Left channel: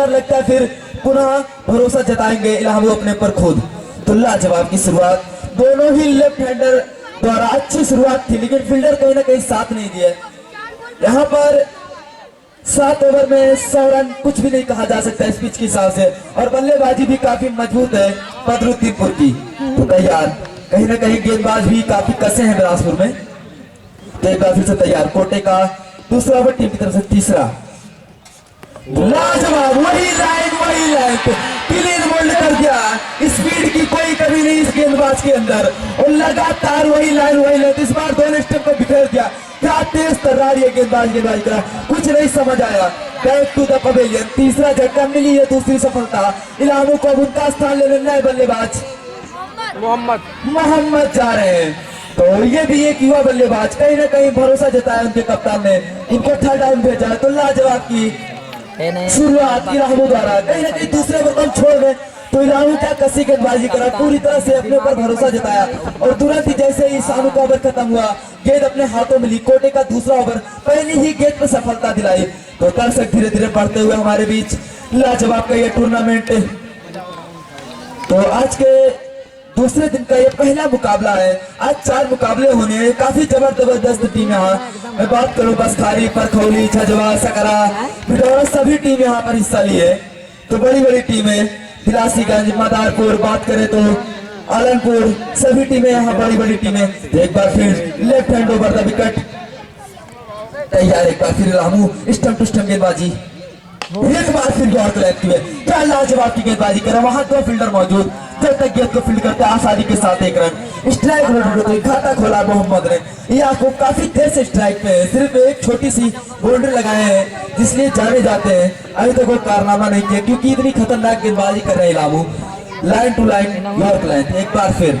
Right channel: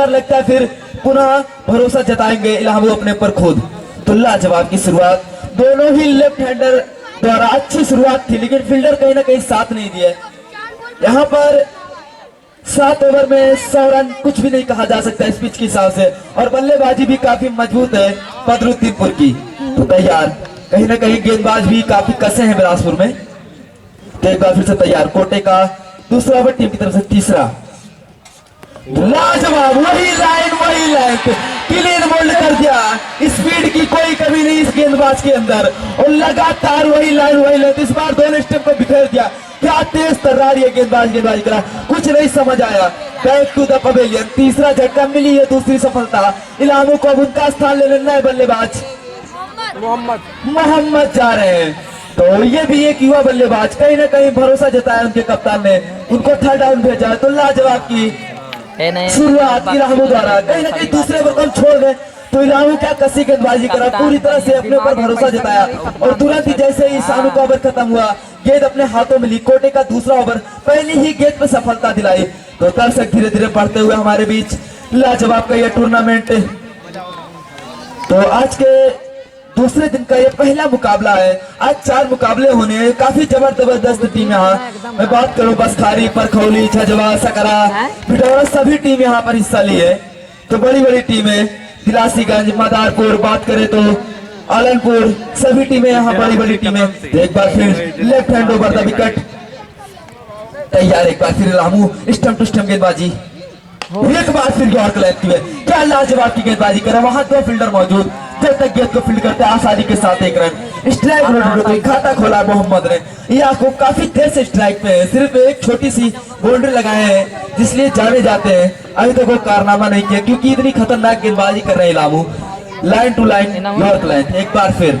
बार लगता है फिर पुनः भरोसा जताएंगे इलाहाबाद अपने पर खुद। तो लाजवाब की शुरुआत, दोनों ही लेफ्ट हैंडर द्वारा अच्छी शुरुआत थी, लेकिन फील्डर कहीं ना कहीं साथ नहीं दिया। यहाँ पर 7 ओवर में 100 रन कुछ भी नहीं कहा जा सकता इस पिच के हिसाब से, और बल्लेबाजी भी काफी मजबूत है बदरुद्दीनपुर की। तो तैयार, कहीं ना कहीं गेंदबाज भी काफी कसे हैं बिलासपुर में। तो एक बार फिर से तैयार, कोटे का दूसरा ओवर टीम की तरफ से तीसरा। लाजवाब, वही लाइन क्लीन बोल्ड कर दिया। स्पीड की कोई कमी नहीं इस गेंदबाज के अंदर, और लगातार वही लाइन इस बार दोनों स्टेप को बिखेर दिया। क्या तेज तर्रारी है गेंदबाजी करा, कुछ नहीं समझ आया। बैक टू द पवेलियन, तीसरा झटका मिली है, दूसरी सफलता। इलाहाबाद को अब उनका स्थान ले लेना है बल्लेबाज मोहम्मद जा रहे हैं। तो ये भी एक युवा बल्लेबाज, कहीं ना कहीं भरोसा जताया उनके कप्तान ने, उनको थर्ड डाउन भेजा। तो लाजवाब की शुरुआत इलाहाबाद द्वारा, कहीं ना कहीं दूसरे ओवर को छोड़ गए तो इलाहाबाद क्या कसी गेंदबाजी करा, पूरी तरह से अपने ऊपर भरोसा जताया, और तुरंत ही जैसे ही सानू का ओवर खत्म हुआ, गेंद अपने हाथों में ली। कोटे का दूसरा ओवर, पहली ही गेंद पर सफलता दिलाई। तो दर्शक धीरे धीरे बढ़ते हुए हमारे बीच लाजवाब का यह टूर्नामेंट, तो आज के दूसरे दिन का ये पहला मुकाबला है। आज 4 मुकाबले होने हैं, काफी जबरदस्त टीम यहाँ। मैं बात करूं बसखारी, परखौली, झजवा, सकरा, पिटौरा, सभी टीम यहाँ पर हिस्सा ली है। तो बड़ी बड़ी टीमें, दिलासीगंज, मदारपुर, बात करें तो आलनपुर, सभी टीमें यहाँ बड़ी बड़ी टीमें। एक बार फिर left hand over the wicket, तैयार। एक बार फिर रामू स्टंप टू स्टंप गेंदबाजी, एक बार फिर गौर कलेक्ट हुए। क्या लाजवाब की गेंदबाजी करा, वहां 2 फील्डर मौजूद, जब तक गेंद को फील्ड करते आसानी के साथ 1 रन। स्ट्राइक खाता खोला मोहम्मद ने, यह को काफी देर से स्ट्राइक पे है, सिर्फ एक छोटी सी बाउंड्री लगाए हैं जिसलिए जाने जाते हैं। अभी तक वो कारनामा नहीं किया क्योंकि इतनी खतरनाक गेंदबाजी कर रहे हैं Lamu. Line to line yorker line, एक बार फिर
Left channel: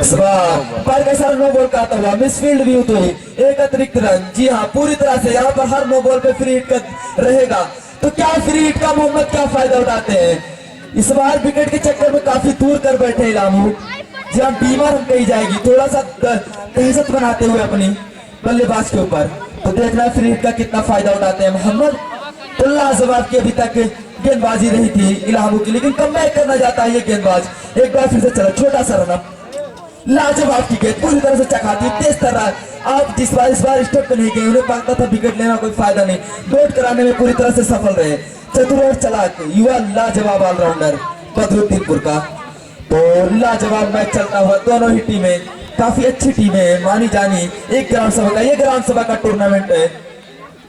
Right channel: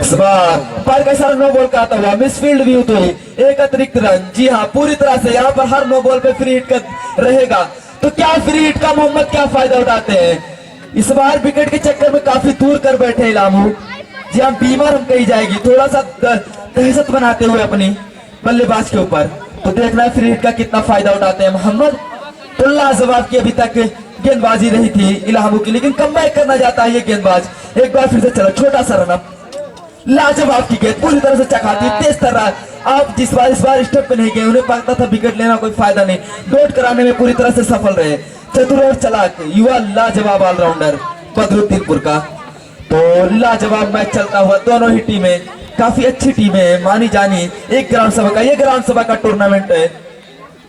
इस बार पर कैसा नो बॉल का आता हुआ मिसफील्ड भी हुई, एक अतिरिक्त रन। जी हाँ, पूरी तरह से यहाँ पर हर नो बॉल पे फ्री हिट का रहेगा। तो क्या फ्री हिट का मोहम्मद क्या फायदा उठाते हैं इस बार, विकेट के चक्कर में काफी दूर कर बैठे इलामू। जी हम बीमार हम कही जाएगी, थोड़ा सा दहशत बनाते हुए अपनी बल्लेबाज के ऊपर। तो देखना फ्री हिट का कितना फायदा उठाते हैं मोहम्मद। तो लाजवाब की अभी तक गेंदबाजी रही थी इलाहाबाद की, लेकिन कमबैक करना चाहता है ये गेंदबाज। एक बार फिर से चला, छोटा सा रन अप, लाजवाब की गेंद पूरी तरह से चकाती, तेज तरह। आप इस बार स्टेप पे नहीं गए, उन्हें पता था विकेट लेना कोई फायदा नहीं, डॉट कराने में पूरी तरह से सफल रहे। चतुर और चालाक युवा लाजवाब ऑलराउंडर बदरुद्दीनपुर का। तो लाजवाब मैच चलता हुआ, दोनों ही टीमें काफी अच्छी टीमें हैं, मानी जानी। एक ग्राम सभा का, ये ग्राम सभा का टूर्नामेंट है।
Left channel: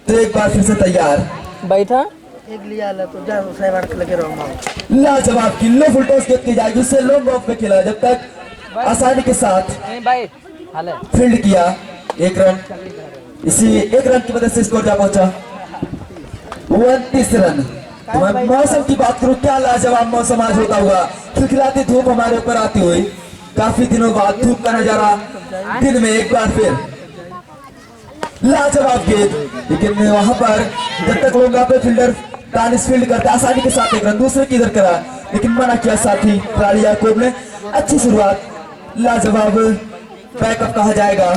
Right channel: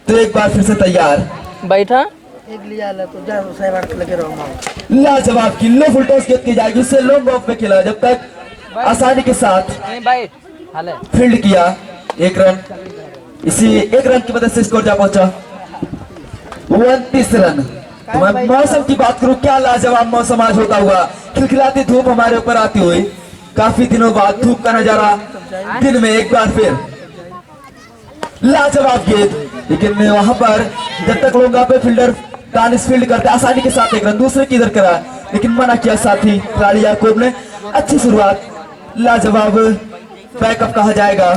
तो एक बार फिर से तैयार, बैठा एक लिया तो जा लगे रहो। लाजवाब की लो फुल टॉस गेंद की जाएगी, उससे लॉन्ग ऑफ पे खेला, जब तक आसानी के साथ फील्ड किया 1 रन। इसी 1 रन की मदद से स्कोर जा पहुंचा 29 रन। तो मैं मौसम की बात करूं, क्या लाजवाब मौसम आज होता हुआ, खिलखिलाती धूप हमारे ऊपर आती हुई, काफी दिनों बाद धूप का नजारा दिन में एक बार फिर लाजवाब गेंद। लेकिन वहां पर जब तक लोग पे फील्डर दानिश फील्ड करते आसानी के साथ 1 रन, दूसरे की इधर करा, लेकिन मना किया साथी खिलाड़ी याकूब ने। अच्छी शुरुआत, लाजवाब बैकअप कहा जाएगा।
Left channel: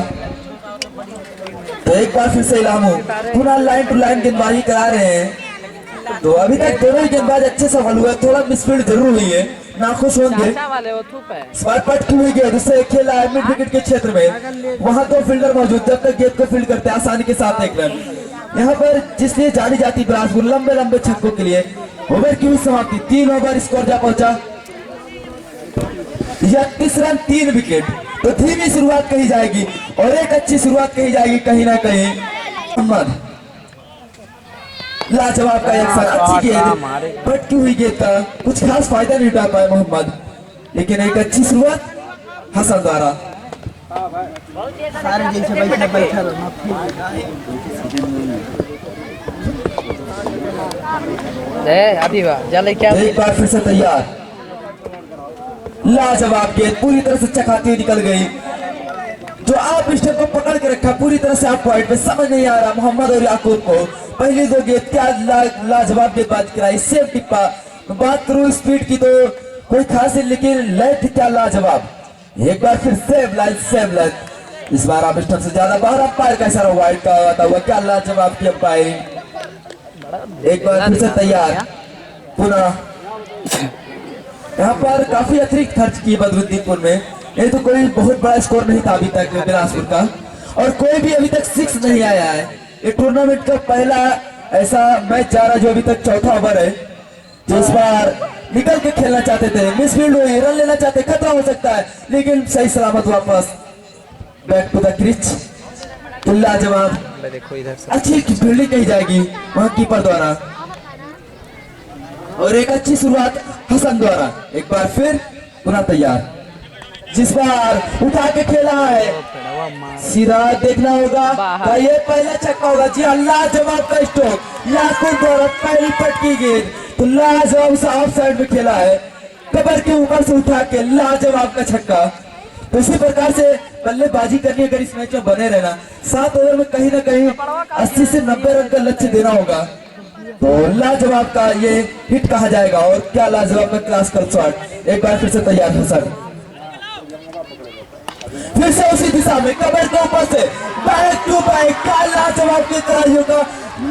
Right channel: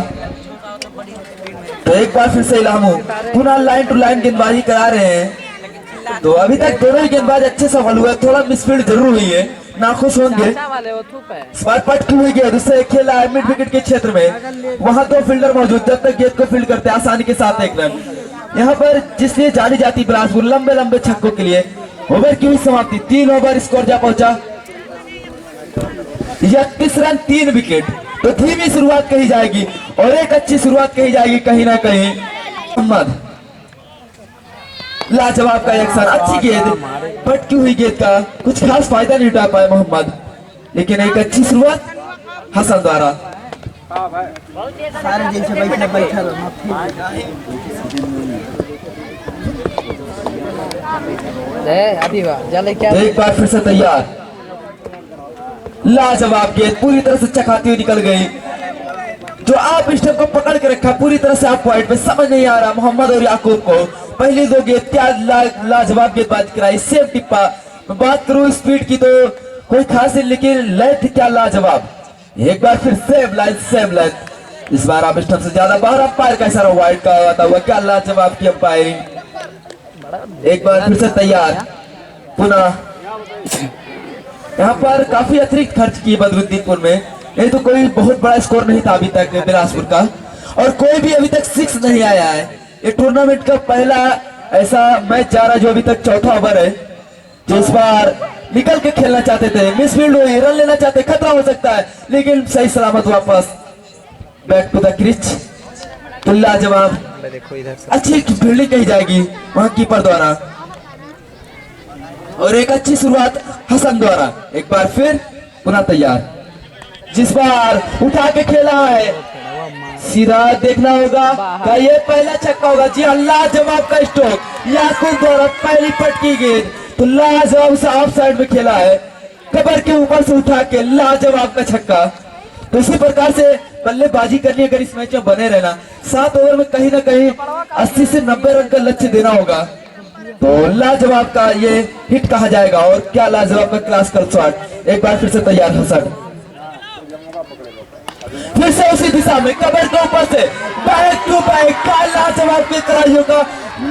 तो एक बार फिर से इलाहाबाद पुनः लाइन टू लाइन गेंदबाजी करा रहे हैं। तो अभी तक दोनों ही गेंदबाज अच्छे सफल हुए, थोड़ा मिसफील्ड जरूर हुई है, नाखुश होंगे। पटकी हुई गेंद उससे खेला है मिड विकेट के क्षेत्र में, वहां 2 फील्डर मौजूद, जब तक गेंद को फील्ड करते आसानी के साथ 1 रन। यहाँ पर जिसलिए जानी जाती बिलासपुर लंबे लंबे छक्कों के लिए। ओवर की हुई समाप्ति, 3 ओवर स्कोर जा पहुंचा 31 रन 3 विकेट। तो धीमी शुरुआत कही जाएगी और एक अच्छी शुरुआत कही जाएगी कहीं ना कहीं। मोहम्मद लाजवाब का एक्शन, अच्छी गेंद, पटकी हुई गेंद का कुछ खास फायदा नहीं उठा पाए मोहम्मद, लेकिन एक अच्छी शुरुआत हसन द्वारा। सारे जैसे बैठा एक बार फिर से तैयार, लाजवाब गेंद पूरी तरह से चकाती हुई निकल गई। जो आप स्टेप को पकड़ के रखा पूरी तरह से आप पॉइंट पे, समझ नहीं आ रहा मोहम्मद और याकूब को। पहली 2 गेंद क्या लाजवाब गेंदबाजी कराई, सेम टिप्पा। बात करूं स्पीड की तो कोई खास नहीं, लेकिन लय क्या लाजवाब। एक बार फिर सेम लाइन। इस बार आप स्टंप से ज्यादा बाहर, अंपायर कैसा रहा वाइड का आता हुआ, क्या लाजवाब की अंपायरिंग। एक बार फिर से तैयार पुनः। यहाँ पर काफी अतिरिक्त खर्च की बदरुद्दीनपुर में। ये तो कोई बहुत बड़ा स्कोर नहीं था अभी तक बिलासपुर का, और कोई भी अभी तक 6 नहीं आया है। ये टूर्नामेंट का पहला ऐसा मैच जा रहा है जो अभी तक चौथा ओवर है, जो इस बार निकल के खेलना चाहते थे, मिसफील्ड हुई, रन लेना चाहते, खतरा हो सकता है, लेकिन सही सलामत वापस बैक टू द क्रिच। तो लाजवाब देखो इधर से अच्छी फील्डिंग कही जाएगी वहां कीपर द्वारा, और एक अच्छी शुरुआत हसन द्वारा। एक बार फिर पुनः तैयार, जिस बार उठा के खेला है, सीधा देखना होगा क्या ये पहला छक्का होगा। जी हाँ, लाजवाब का स्ट्रोक, याकूब द्वारा पहली पटकी गेंद, तो लाजवाब से ऑफ साइड में खेला है, कबर के ऊपर से उठा के लाजवाब का छक्का। तो इसी प्रकार से बल्लेबाजी करनी अगर इस मैच में बने रहना, 7 ओवर में कहीं ना कहीं 80 से 90 रन का लक्ष्य देना होगा। तो लाजवाब का ये हिट कहा जाएगा, और क्या लाजवाब का क्लासिकल शॉट। एक बार फिर से तैयार हसन, फिर से उसी दिशा में कबर के ऊपर से बैक टू बैक का लाजवाब की कराइयों का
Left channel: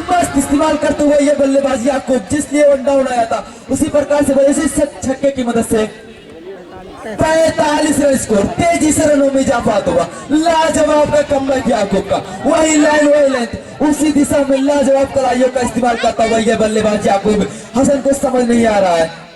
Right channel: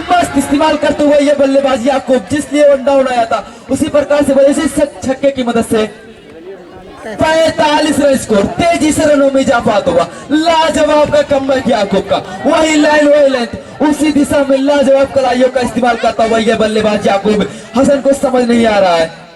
मस्त इस्तेमाल करते हुए ये बल्लेबाजी आपको जिसलिए वन डाउन आया था उसी प्रकार से वजह से छक्के की मदद से 45 रन स्कोर, तेजी से रनों में इजाफा हुआ। लाजवाब का कमबैक याकूब का, वही लाइन वही लेंथ, उसी दिशा में लाजवाब कलाइयों का इस्तेमाल करता हुआ यह बल्लेबाज याकूब हसन को समझ नहीं आ रहा है।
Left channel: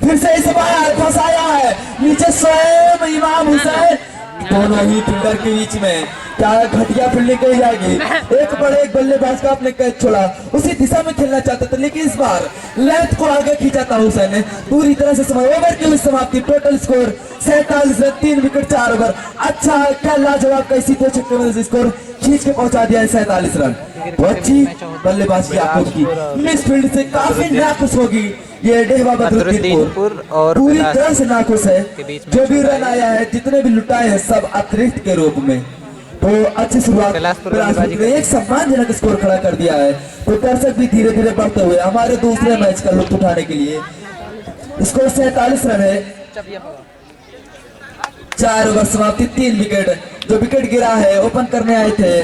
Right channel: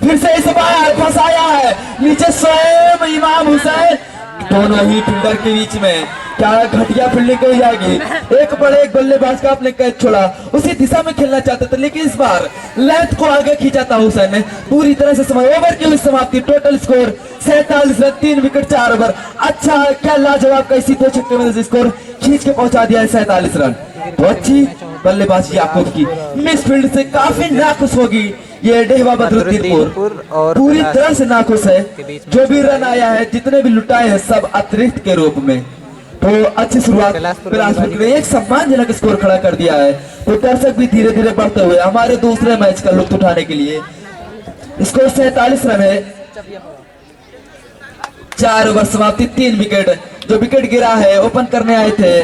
फिर से इस बार फंसाया है नीचे स्वयं इमाम हुसैन, दोनों ही फील्डर के बीच में क्या घटिया फील्डिंग कही जाएगी। एक बड़े एक बल्लेबाज का आपने कैच छोड़ा, उसी दिशा में खेलना चाहते थे, लेकिन इस बार लेंथ को आगे खींचा था हुसैन ने पूरी तरह से। समय ओवर की हुई समाप्ति, total score 47 run, 3 wicket 4 over. अच्छा क्या लाजवाब का इसी 2 छक्के में स्कोर खींच के पहुंचा दिया है 47 रन। तो अच्छी बल्लेबाजी याकूब की, मिस फील्ड से काफी नाखुश होगी ये डेहवा बदरुद्दीनपुर, और पूरी तरह से नाखुश है। जो भी रन आया है, जितने भी लुटाए हैं, सब अतिरिक्त के रूप में। तो अच्छी शुरुआत बिलासपुर ने एक सम्मानजनक स्कोर खड़ा कर दिया है। तो दर्शक भी धीरे धीरे बढ़ते हुए हमारे दूसरे मैच का लुत्फ उठाने के लिए, स्कोर 47 रन है, 4 ओवर समाप्ति, 3 विकेट। जो विकेट गिरा है ओपन करने आए थे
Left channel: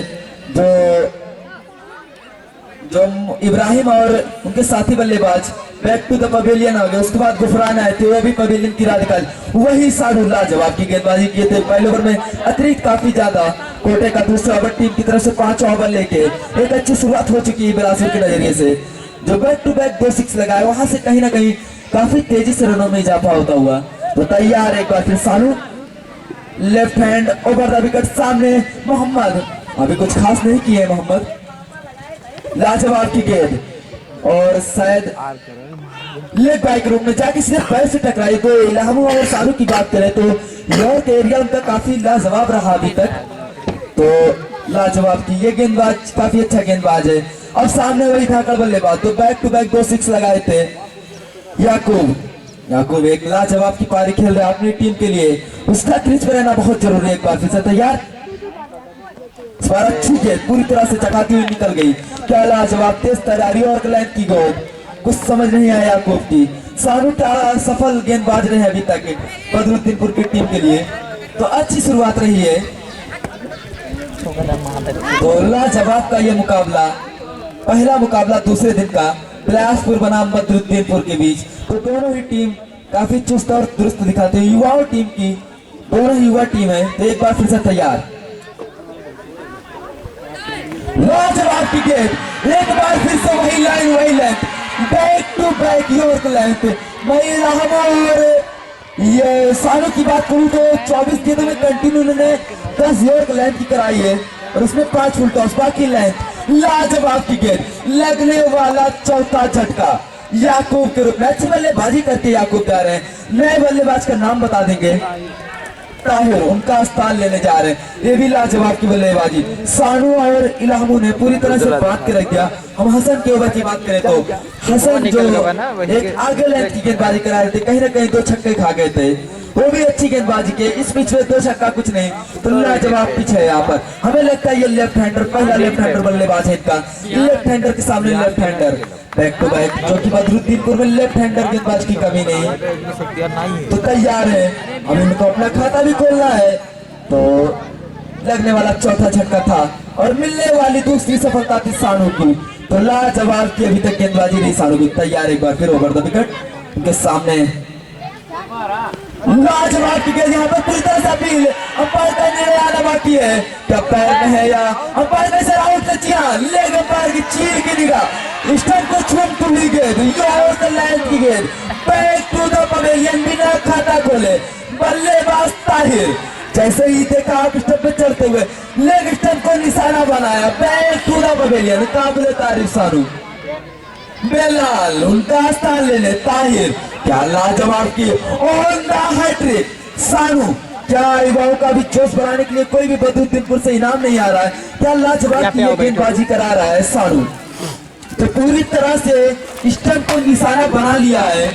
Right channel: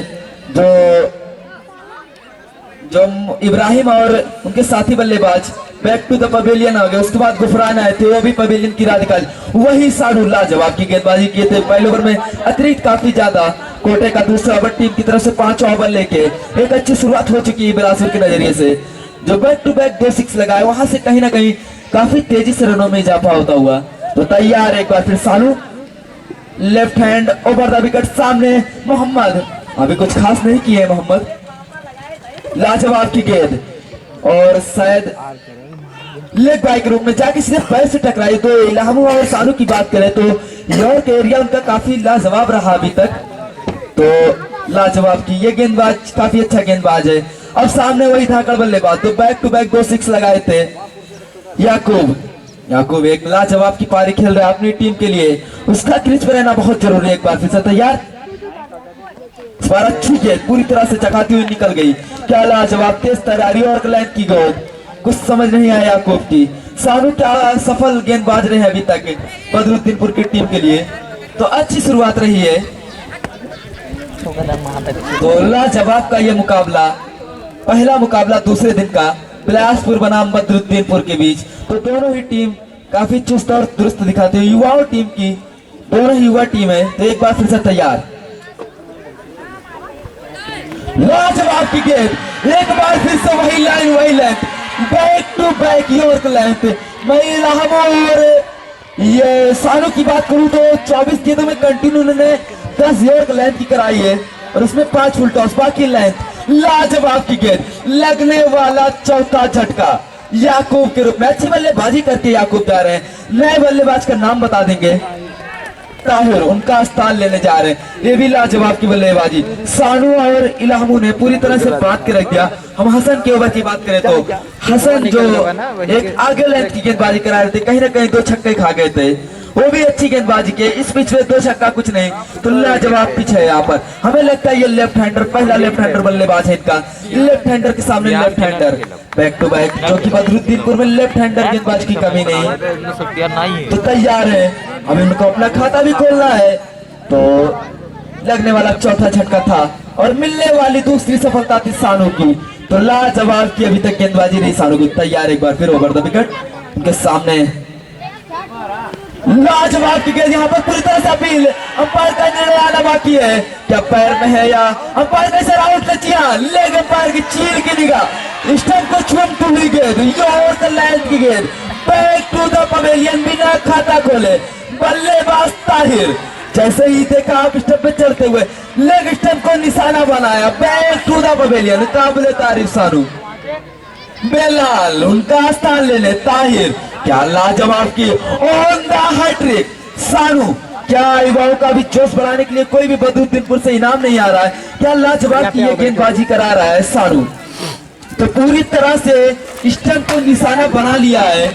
जो इब्राहिम और उनके साथी बल्लेबाज बैक टू द पवेलियन आ गए। उसके बाद गुफरान आए थे, वो भी पवेलियन की राह निकाल, वही साढ़ू लाजवाब की गेंदबाजी किए थे। पहले ओवर में अतिरिक्त काफी ज्यादा कोटे का, दूसरा ओवर टीम की तरफ से 5 ओवर लेके एक अच्छी शुरुआत हो चुकी है बिलासपुर के नजरिए से। जो बैक टू बैक 2 6 लगाए, वहां से कहीं ना कहीं काफी तेजी से रनों में इजाफा होता हुआ। तो तैयार एक बार फिर सानू, left hand over the wicket, सामने मोहम्मद, अभी कुछ खास नहीं किए मोहम्मद, लाजवाब की गेंद, और शायद लेग बाइक रूम में जाके सिर्फ पैर से टकराई। तो इलामू और सानू की बात करें तो यॉर्क एरिया उनका काफी लाजवाब रहा अभी तक। तो लाजवाब की ये गेंदबाज काफी अच्छा गेंदबाज है। अब सामने वही धाकड़ बल्लेबाज, तो बैक टू बैक 2 6 लगाए थे याकूब एक लाजवाब की पारी खेल रहा है अपनी टीम के लिए, उसका क्रीज पर रहना बहुत जरूरी है। एक बार फिर से तैयार, इस बार अच्छी गेंद पूरी तरह से चकाती हुई निकल गई, क्या लाजवाब तेज तैयारी और लेंथ की गेंद, कुछ समझ नहीं आया याकूब की। सानू क्या सफल गेंदबाज रहे अभी तक बदरुद्दीनपुर की टीम के लिए, तो अच्छी शुरुआत रही है। तो लाजवाब का ये मुकाबला, पहला मुकाबला दूसरे दिन का बिलासपुर बनाम बदरुद्दीनपुर के बीच। तो दोनों ही टीम काफी चुस्त और दुरुस्त दिखाते हैं, युवाओं टीम की, दोनों ही युवा टीम है। तो एक बार फिर से तैयार, लाजवाब की गेंद, एक बार फिर से वही लाइन वही length, back to back yorker length. मैं और ये सानू की बात करूं तो 24 गेंदों में कंटिन्यू उन्होंने 10 यॉर्क लेंथ की कराई है, और उसमें 5 फुल टॉस, बाकी लेंथ। लाजवाब की गेंद, लगने वाला चौथा झटका याकूब के रूप में। अच्छी बल्लेबाजी करके याकूब जा रहे हैं, नए बल्लेबाज का नाम बता देंगे, ताहिर उनका स्थान लेने जा रहे हैं। ये भी लाजवाब की बल्लेबाजी, सानू और इलामू ने पूरी तरह से बात के रख दिया। हम हसन के ओवर की बात करें तो हसन जो एक आगे लेंथ की गेंदबाजी करा रहे थे, कहीं ना कहीं 2 छक्के खा गए थे, वो भी अच्छी गेंदबाजी के। इस पिच में 2 छक्का कुछ नहीं, तो लाजवाब पिच है यहाँ पर। हमें लगता है ये लेफ्ट हैंडर, पहला लेफ्ट हैंडर बल्लेबाज है इनका, लेफ्ट हैंडर के सामने left hander back to back, जो कि बदरुद्दीनपुर में लेफ्ट हैंडर गेंदबाज की कमी नहीं। तो तैयार है, अब इनको अपना खाता भी खोलना है। तो लगने वाला चौथा झटका था, और मिलने वाली दूसरी सफलता थी सानू की। तो लाजवाब की अभी तक गेंदबाजी नहीं सानू की। तैयार एक बार फिर ओवर द विकेट उनके सामने। लाजवाब की गेंद यहाँ पर पूरी तरह से अपील। अंपायर का निर्णय आना बाकी है, क्या पैर में है या अंपायर ने सर आउट किया। लेग अंपायर की चीर की निगाह स्टंप को चुनती हुई गेंद, ओवर द लेंथ की गेंद, बैक टू द पवेलियन बिना खाता खोले। बल्लेबाज ताहिर जैसे ही देखा आप स्टंप पे चढ़ते हुए लेग स्टंप को निशाना बनाया, बैक टू द पवेलियन। काबिले तारीफ सानू। बेलाल उनका स्थान लेने ताहिर, क्या लाजवाब की ऑन द हैट्रिक। सानू क्या युवाओं का भी जोश बढ़ाने के लिए कोई भी बदरुद्दीनपुर से इनाम नहीं आ रहा है, क्या लाजवाब की ये गेंदबाजी करा रहा है सानू। तो पूरी तरह से स्टंप को निशाना बना लिया है,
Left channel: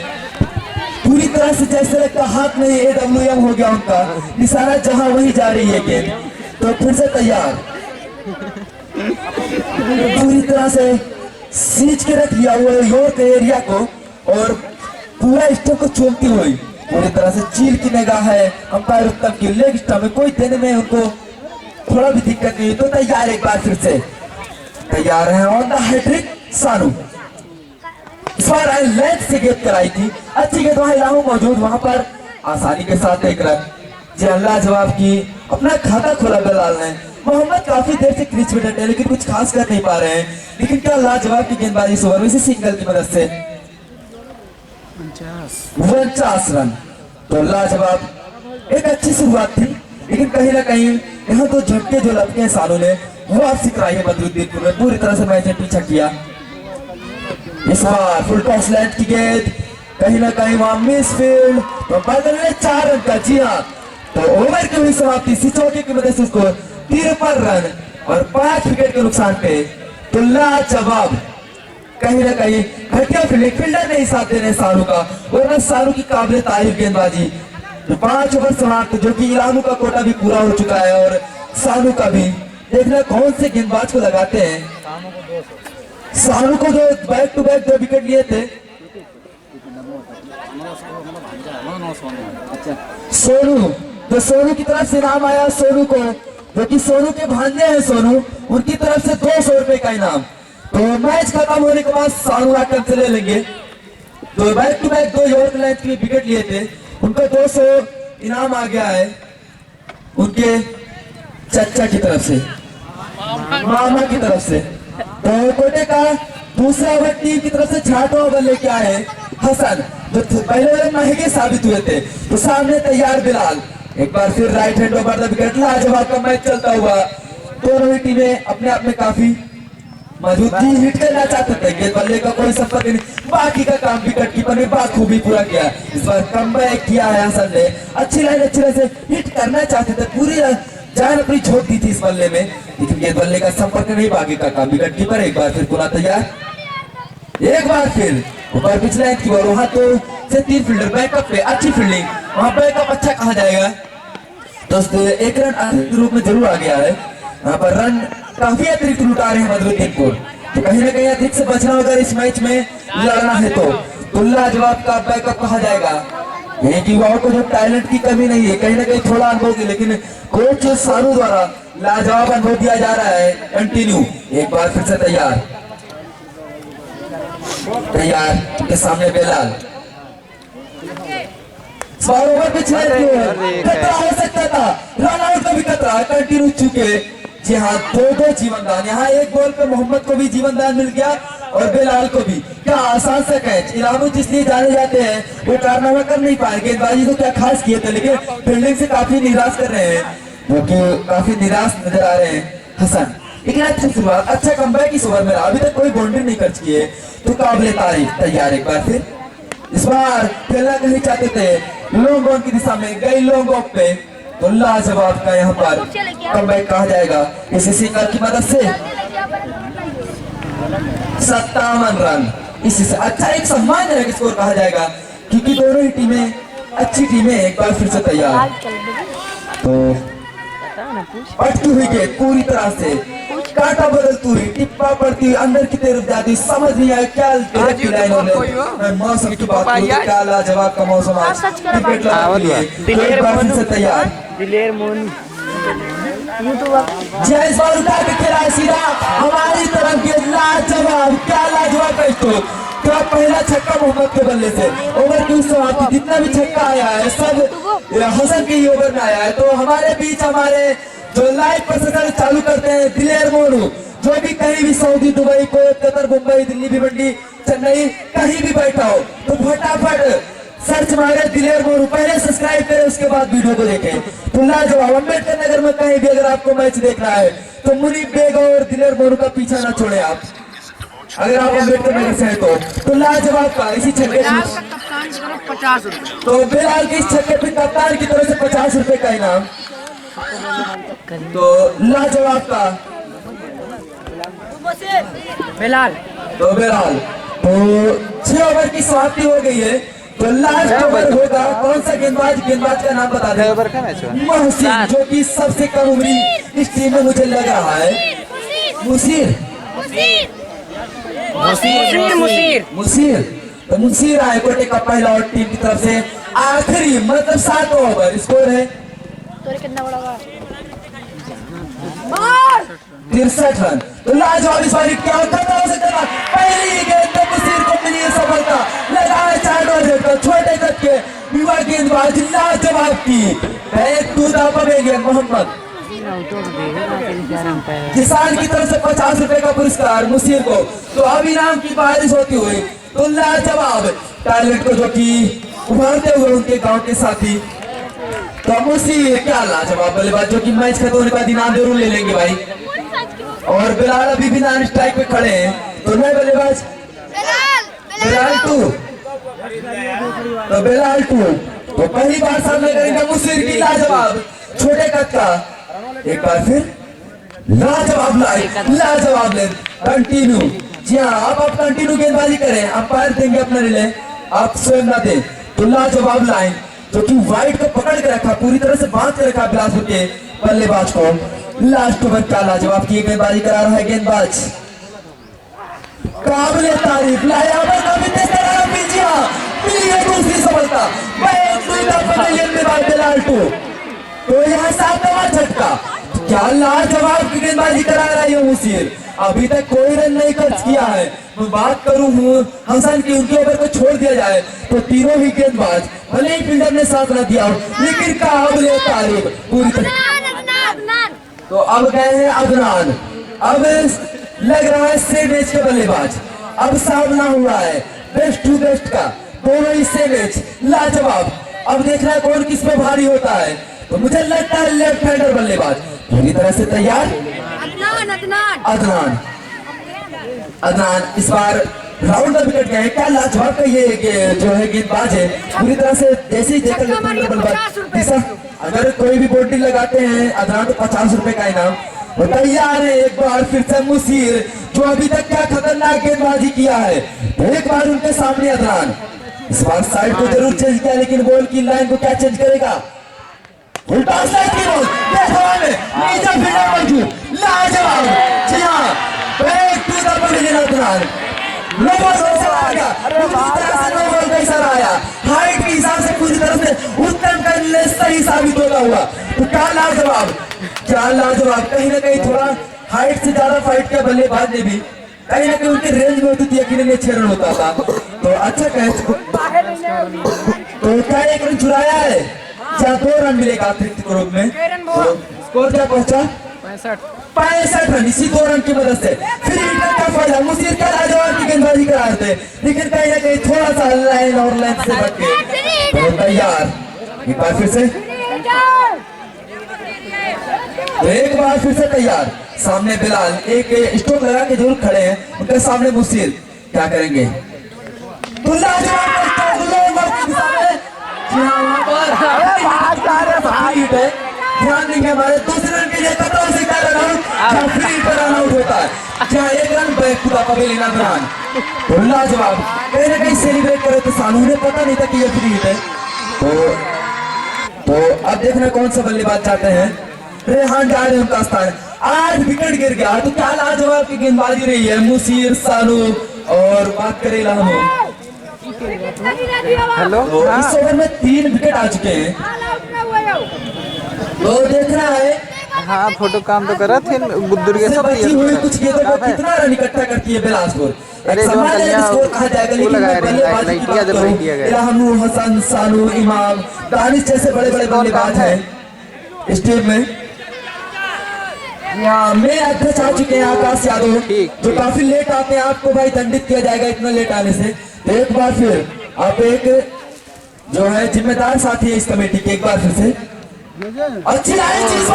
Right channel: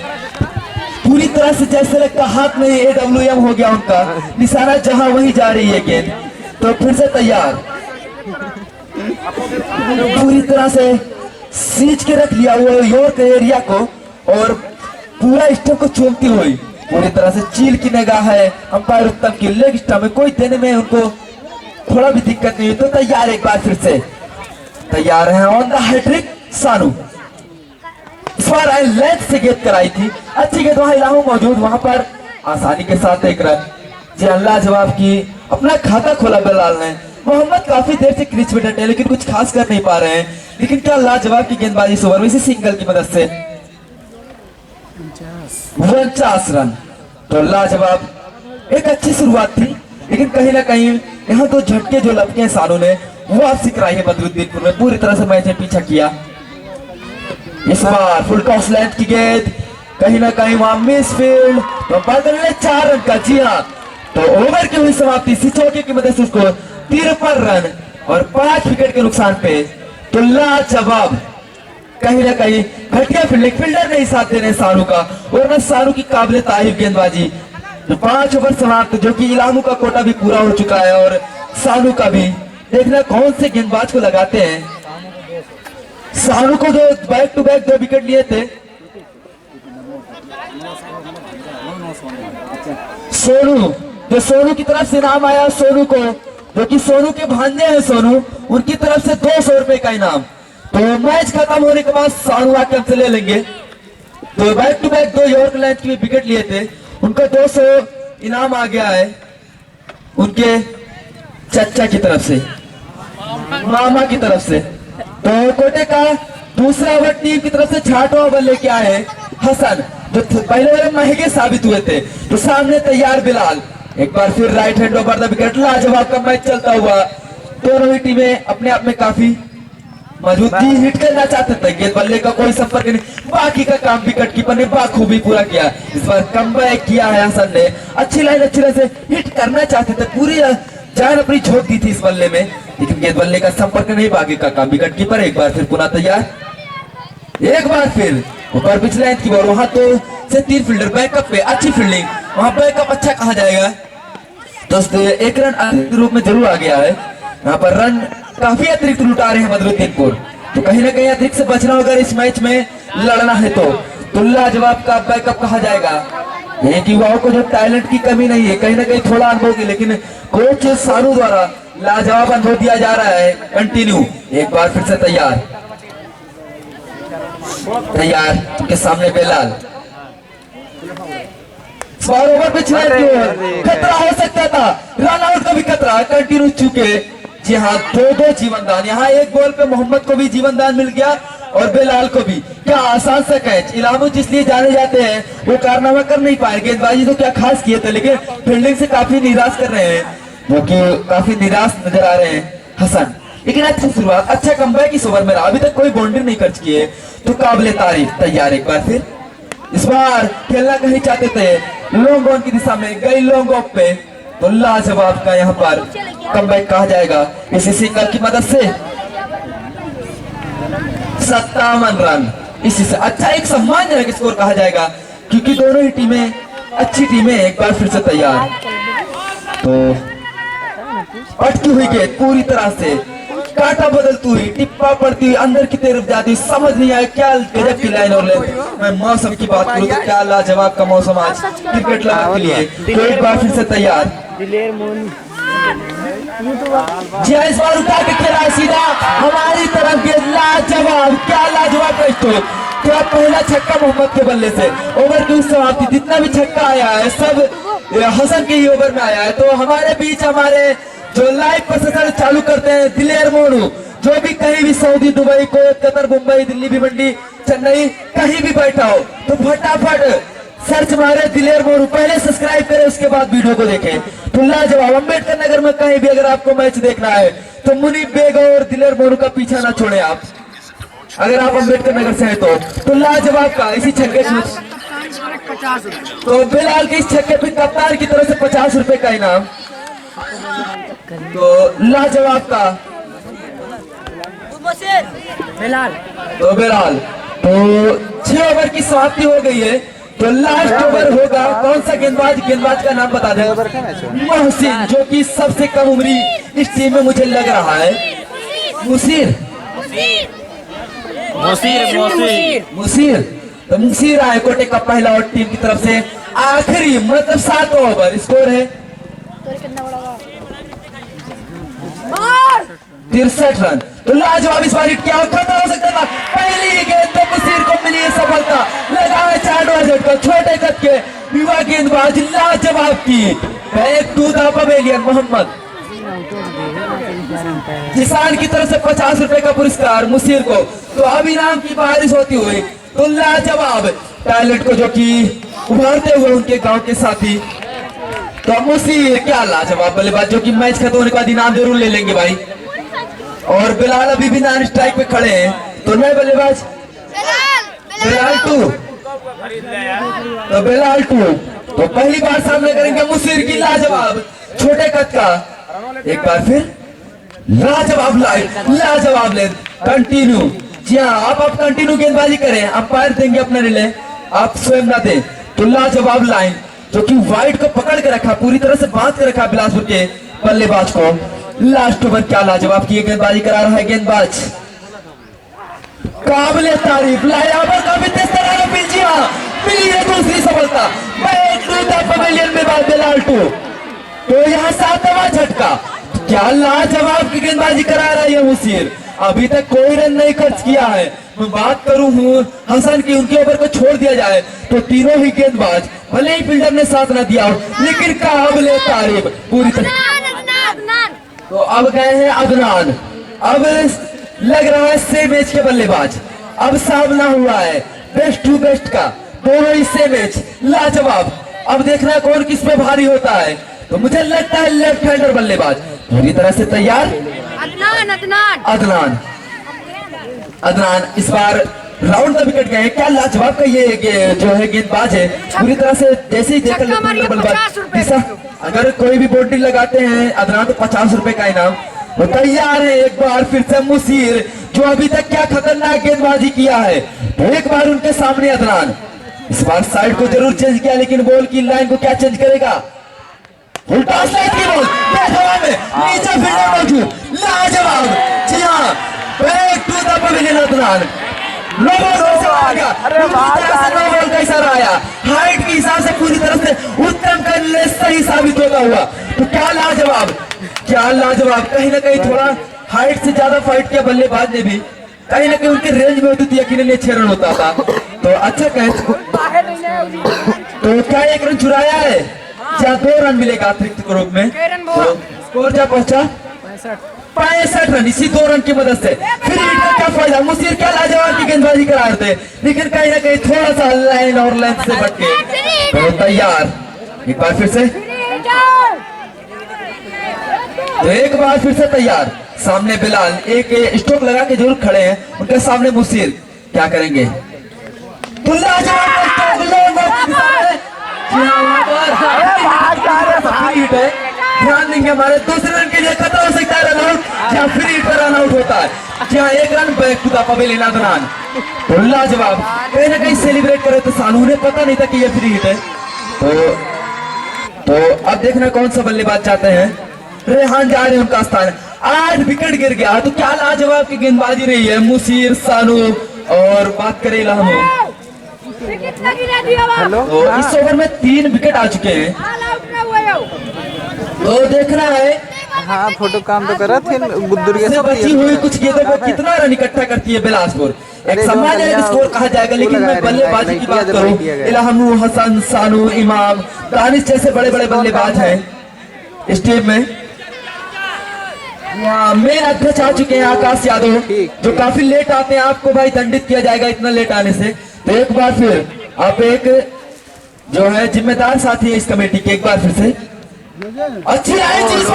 पूरी तरह से जैसे लगता हाथ में AWM हो गया उनका निशाना, जहां वही जा रही है गेंद। तो फिर से तैयार, पूरी तरह से सींच के रख लिया हुआ योर एरिया को और पूरा स्टंप को चूमती हुई पूरी तरह से चील की निगाह है अंपायर उत्तम की। लेग स्टंप में कोई देने में उनको थोड़ा भी दिक्कत नहीं। तो तैयार एक बार फिर से तैयार है ऑन द हैट्रिक सानू। इस बार लेंथ से गेंद कराई थी, अच्छी गेंद वहां इलाहू मौजूद, वहां पर आसानी के साथ एक रन। जी अल्लाह जवाब की अपना खाता खोला बेलाल ने। मोहम्मद काफी देर से क्रीज पे डटे लेकिन कुछ खास कर नहीं पा रहे हैं, लेकिन क्या लाजवाब की गेंदबाजी इस ओवर में इसी सिंगल की मदद से 49 रन। तो लाजवाब एक अच्छी शुरुआत थी, लेकिन कहीं ना कहीं यहाँ तो झटके जो लपके हैं सानू ने वो वापसी कराई है बदरुद्दीनपुर में, पूरी तरह से मैच ने पीछा किया। इस बार फुल टॉस लेंथ की गेंद कहीं ना कहीं वहां मिस फील्ड, तो बदल में 4 रन का। जी हाँ, तो ओवर की हुई समाप्ति इसी चौके की मदद से उसको 53 रन और 5 विकेट के नुकसान पे। तो लाजवाब कहीं ना कहीं घटिया फील्डिंग, फील्डर नहीं साथ देने सानू का, और सानू की काबिल तारीफ गेंदबाजी। तो 5 ओवर समाप्त, जो कि इलामू का कोटा भी पूरा हो चुका है और सानू का भी। देखना कौन से गेंदबाज को लगाते हैं। सानू को जो बैक टू बैक 2 विकेट लिए थे सोनू, जो सोनू की तरफ से नाम आया सोनू को, जो कि सोनू के भांजे हैं सोनू, उनकी तरफ से 200 रुपए का इनाम। तो मैच खत्म होने के बाद सानू आके हमसे ले लेंगे। तो back to back 2 yorker length के विकेट लिए थे, उनको 200 इनाम आ गया है उनके चचा की तरफ से, मामा की तरफ से। तो कोटे का दूसरा ओवर टीम की तरफ से 6वां ओवर लेके आए हसन, जो पहले वाले महंगे साबित हुए थे। तो सामने तैयार बिलाल, एक बार फिर right hand over the wicket. लाजवाब का मैच चलता हुआ, दोनों ही टीमें अपने आप में काफी मजबूती हिट करना चाहते थे, गेंद बल्ले का कोई संपर्क नहीं, बाकी का काम विकेट कीपर ने बाखूबी पूरा किया। इस बार कमबैक किया है हसन ने, अच्छी लाइन अच्छी तरह से हिट करना चाहते थे, पूरी जान अपनी झोंक दी थी इस बल्ले में, लेकिन गेंद बल्ले का संपर्क नहीं, बाकी का काम विकेट कीपर। एक बार फिर पुनः तैयार, एक बार फिर ऊपर पिछले लाइन की बॉल, वहां तो से 3 फील्डर बैकअप पे, अच्छी फील्डिंग, वहां बैकअप अच्छा कहा जाएगा। तो 1 रन अतिरिक्त रूप में जरूर आ गया है, यहाँ पर रन काफी अतिरिक्त लुटा रहे हैं बदरुद्दीनपुर। तो कहीं ना कहीं अतिरिक्त से बचना होगा इस मैच में लड़ना है। तो लाजवाब का बैकअप कहा जाएगा। एक युवाओं को जो टैलेंट की कमी नहीं है, कहीं ना कहीं थोड़ा अनुभव की, लेकिन कोच सानू द्वारा लाजवाब अनुभव दिया जा रहा है कंटिन्यू। एक बार फिर से तैयार, तैयार के सामने बेलाल, ओवर पिछले खतरा हो सकता था, रन आउट का भी खतरा, कंटिन्यू चुके। जी हाँ, 2-2 जीवन दान, यहाँ एक बॉल पे मोहम्मद को भी जीवन दान मिल गया और बेलाल को भी। क्या आसान सा कैच, इलामू जिसलिए जाने जाते हैं वो कारनामा कर नहीं पाए, गेंदबाजी तो क्या खास किए थे, लेकिन फील्डिंग से काफी निराश कर रहे हैं, वो कि काफी निराश नजर आ रहे हैं हसन। लेकिन अच्छी शुरुआत, अच्छा कमबैक इस ओवर में रहा, अभी तक कोई बाउंड्री नहीं खर्च किए, तो काबिले तारीफ। तैयार एक बार फिर, इस बार खेलना कहीं चाहते थे, लॉन्ग ऑन की दिशा में गई, लॉन्ग ऑफ पे। तो लाजवाब का यहाँ पर कमबैक कहा जाएगा इसी सिंगल की मदद से। 57 रन, इसी से अच्छा एक सम्मानजनक स्कोर कहा जाएगा, क्योंकि दोनों ही टीमें अच्छी टीमें। एक बार फिर से तैयार, तो अटकी हुई गेंद पूरी तरह से काटा बदलती हुई, टिप्पा पड़ती हुई, अंदर की तरफ जाती, समझ नहीं आया क्या गजब की लाइन। और मैं मौसम की बात करूं तो क्या लाजवाब का मौसम आज क्रिकेट के लिए। एक बार फिर से तैयार, जी इस बार उठा के खेला सीधा हमारी तरफ ये लाजवाब, क्या लाजवाब है तो क्या पहला छक्का मोहम्मद के बल्ले से ओवर की समाप्ति। जितना भी छक्का आया है सब हसन के ही ओवर में आया है। तो हमारे बीच हमारे जो लाइव प्रोसेसर चालू करते हैं दिलेर मोनू, जो भी कहीं भी Saudi, Dubai, कोयत, Qatar, Mumbai, Delhi, Bhiwandi, Chennai कहीं भी बैठा हो तो फटाफट सर्च मारे दिलेर मोनू, पहले सब्सक्राइब करें उसके बाद वीडियो को देखें। तो लाजवाब अम्बेडकर नगर में कहीं भी अगर आपको मैच देखना है तो मुनीब बेग और दिलेर मोनू का पीछा ना छोड़े आप, अगर आप अम्बेडकर नगर से हैं तो लाजवाब का इसी छक्के से 50 रुपए। तो बिलाल के इस छक्के पे कप्तान की तरफ से 50 रुपए का इनाम। तो लाजवाब का बिलाल तो बिलाल तो 6 ओवर की समाप्ति हो गई है। तो लास्ट ओवर होगा कौन सा गेंदबाज का नाम बता दें। मोहसिन, जो कि सबसे कम उम्री इस टीम में मुझे लग रहा है। मुसीर तो मुसीर आए कोटे का पहला और टीम की तरफ से आखिरी मतलब 7 ओवर स्कोर है 63 रन। तो लाजवाब इस बार क्या खतरा हो सकता है। पहली गेंद तो मुसीर को मिली है सफलता, लगाए 4 ओवर झटका, छोटे कद के युवा गेंदबाज लाजवाब की एक दूधा पवेलियन मोहम्मद किसान की तरफ से 50 रुपए का पुरस्कार मुसीर को। तो अब इनाम की बारिश होती हुई तो लाजवाब टैलेंट को जो कि उभारते हुए उनके गांव के साथी तो मुसीर, क्या लाजवाब बल्लेबाज जो कि मैच खत्म होने के बाद इनाम जरूर ले लेंगे भाई। और बिलाल अभी भी नॉन स्ट्राइक पे खड़े हैं। तो नए बल्लेबाज बिलाल 2 तो बिलाल 2 तो पहली बार सामने करेंगे मुसीर की लाजवाब छोटे कद का। एक बार फिर लाजवाब लेन कंटिन्यू। जी हाँ, आप कंटिन्यू गेंदबाजी करें, अंपायर देंगे अपना रिले, आप स्वयं ना दें। तो लाजवाब लाइन जो कि वाइड को पकड़ के रखा, पूरी तरह से बांध के रखा बिलासपुर के बल्लेबाज को। लास्ट ओवर क्या लाजवाब की गेंदबाजी करा रहा है गेंदबाज, काबिले तारीफ लायाबर का भी मिली है दूसरी सफलता पवेलियन में बात बिलाल 2। तो यहाँ 7वां झटका, क्या लाजवाब की गेंदबाजी करा रहा है मुसीर। अभी तक कोई रन नहीं खर्च किया है। मैं बात करूं हसन की, उनके ओवर को छोड़ दिया जाए तो तीनों ही गेंदबाज भले ही फील्डर ने साथ न दिया हो लेकिन काबिले तारीफ पूरी तरह। तो अब गए हैं अदनान, अब लग रहा है सेम मैच के बल्लेबाज। अब सामना हुआ है बेस्ट टू बेस्ट का, दोनों ही सेम मैच लाजवाब। अब देखना कौन किस पे भारी होता है। तो मुझे लगता है लेफ्ट हैंडर बल्लेबाज पूरी तरह से तैयार। अदनान इस बार राउंड द विकेट गए। क्या लाजवाब का ये जो है गेंदबाज है पूरी तरह से जैसे ही बल्लेबाज अगर कोई भी बाउंड्री लगाते हैं अदनान तो 50 रुपए का इनाम। वो तैयार है एक बार फिर से मुसीर, जो अभी तक क्या खतरनाक गेंदबाजी किया है। तो एक बार उनके सामने अदनान, इस बार साइड को जरूर चेंज किया लेकिन बॉल की लाइन को क्या चेंज करेगा। उल्टा साइड की बॉल नीचे फील्डर मौजूद, लाजवाब। जी हाँ, back to the pavilion Adnan. कैसा आया हाइट के हिसाब से पूरी तरह से उत्तम करने सही साबित होगा हुआ। तो क्या लाजवाब कहीं ना कहीं थोड़ा हाइट से ज्यादा फाइट किया बल्लेबाज ने भी, कहीं ना कहीं उनके रेंज में होती थी, यकीनन 6 रन होता था। तो अच्छा कैच। तो क्या 1 रन चुराया है, जहाँ 2 रन मिलेगा अतिरिक्त के रूप में। तो स्कोर क्या पहुंचा 65 रन, इसी 2 रन की मदद से। फिर क्या फायदा, मुसीर क्या लाजवाब की गेंदबाजी करा रहे थे लेकिन कहीं ना कहीं थोड़ा सा लाइन और लेंथ से बच गए। तो तैयार एक बार फिर से, तो एक बार फिर से तैयार। सामने बिलाल एक स्ट्रोक लगा के जरूर खड़े हैं, उनके सामने मुसीर क्या करेंगे। तो ध्यान देंगे हमारे दूसरे रन के लिए खतरा हो सकता है, रन आउट जहाँ फ्री पर रन आउट होता है, जहाँ 1 run back to the pavilion Adnan. तो लाजवाब कहीं ना कहीं सेलिब्रेट करे तो सानू, उन्हें पता नहीं था कि ये फ्री हिट है। तो अब देखना कौन सा बल्लेबाज चाहते हैं। रेहान जा रहे हैं उनका स्थान, 8 विकेट गिर गया। तो क्या लाजवाब की गेंदबाजी रही है मुसीर, सानू और बात करें लामू। तो इस ओवर में 3 विकेट आ चुके हैं। तो देखना है हाँ फोटो काम तो करा थे गुद्दुर के से सब बची हुई कुछ गेंदों को कितना रन इकट्ठा करती है बिलासपुर। एक अरे जो सामान्य कलिया स्कोर कहा जाएगा, वो लेकिन लगाया मैं बल्लेबाजी की बात करूं, किया गया। इल्हामु, हसन, सानू, इमाम, दानिश जैसे बड़े बड़े बल्लेबाज हैं इस टीम में। यहाँ मेन अध्यक्ष आ चुके हैं आकाश यादव, जो काफी लेट आते हैं, आपको भाई दंडित किया जाएगा इतना लेट आने से। तो एक बार फिर आप एक जो है जिम्मेदार साथी है इस कमेटी के, एक बार फिर से अच्छी आई चीज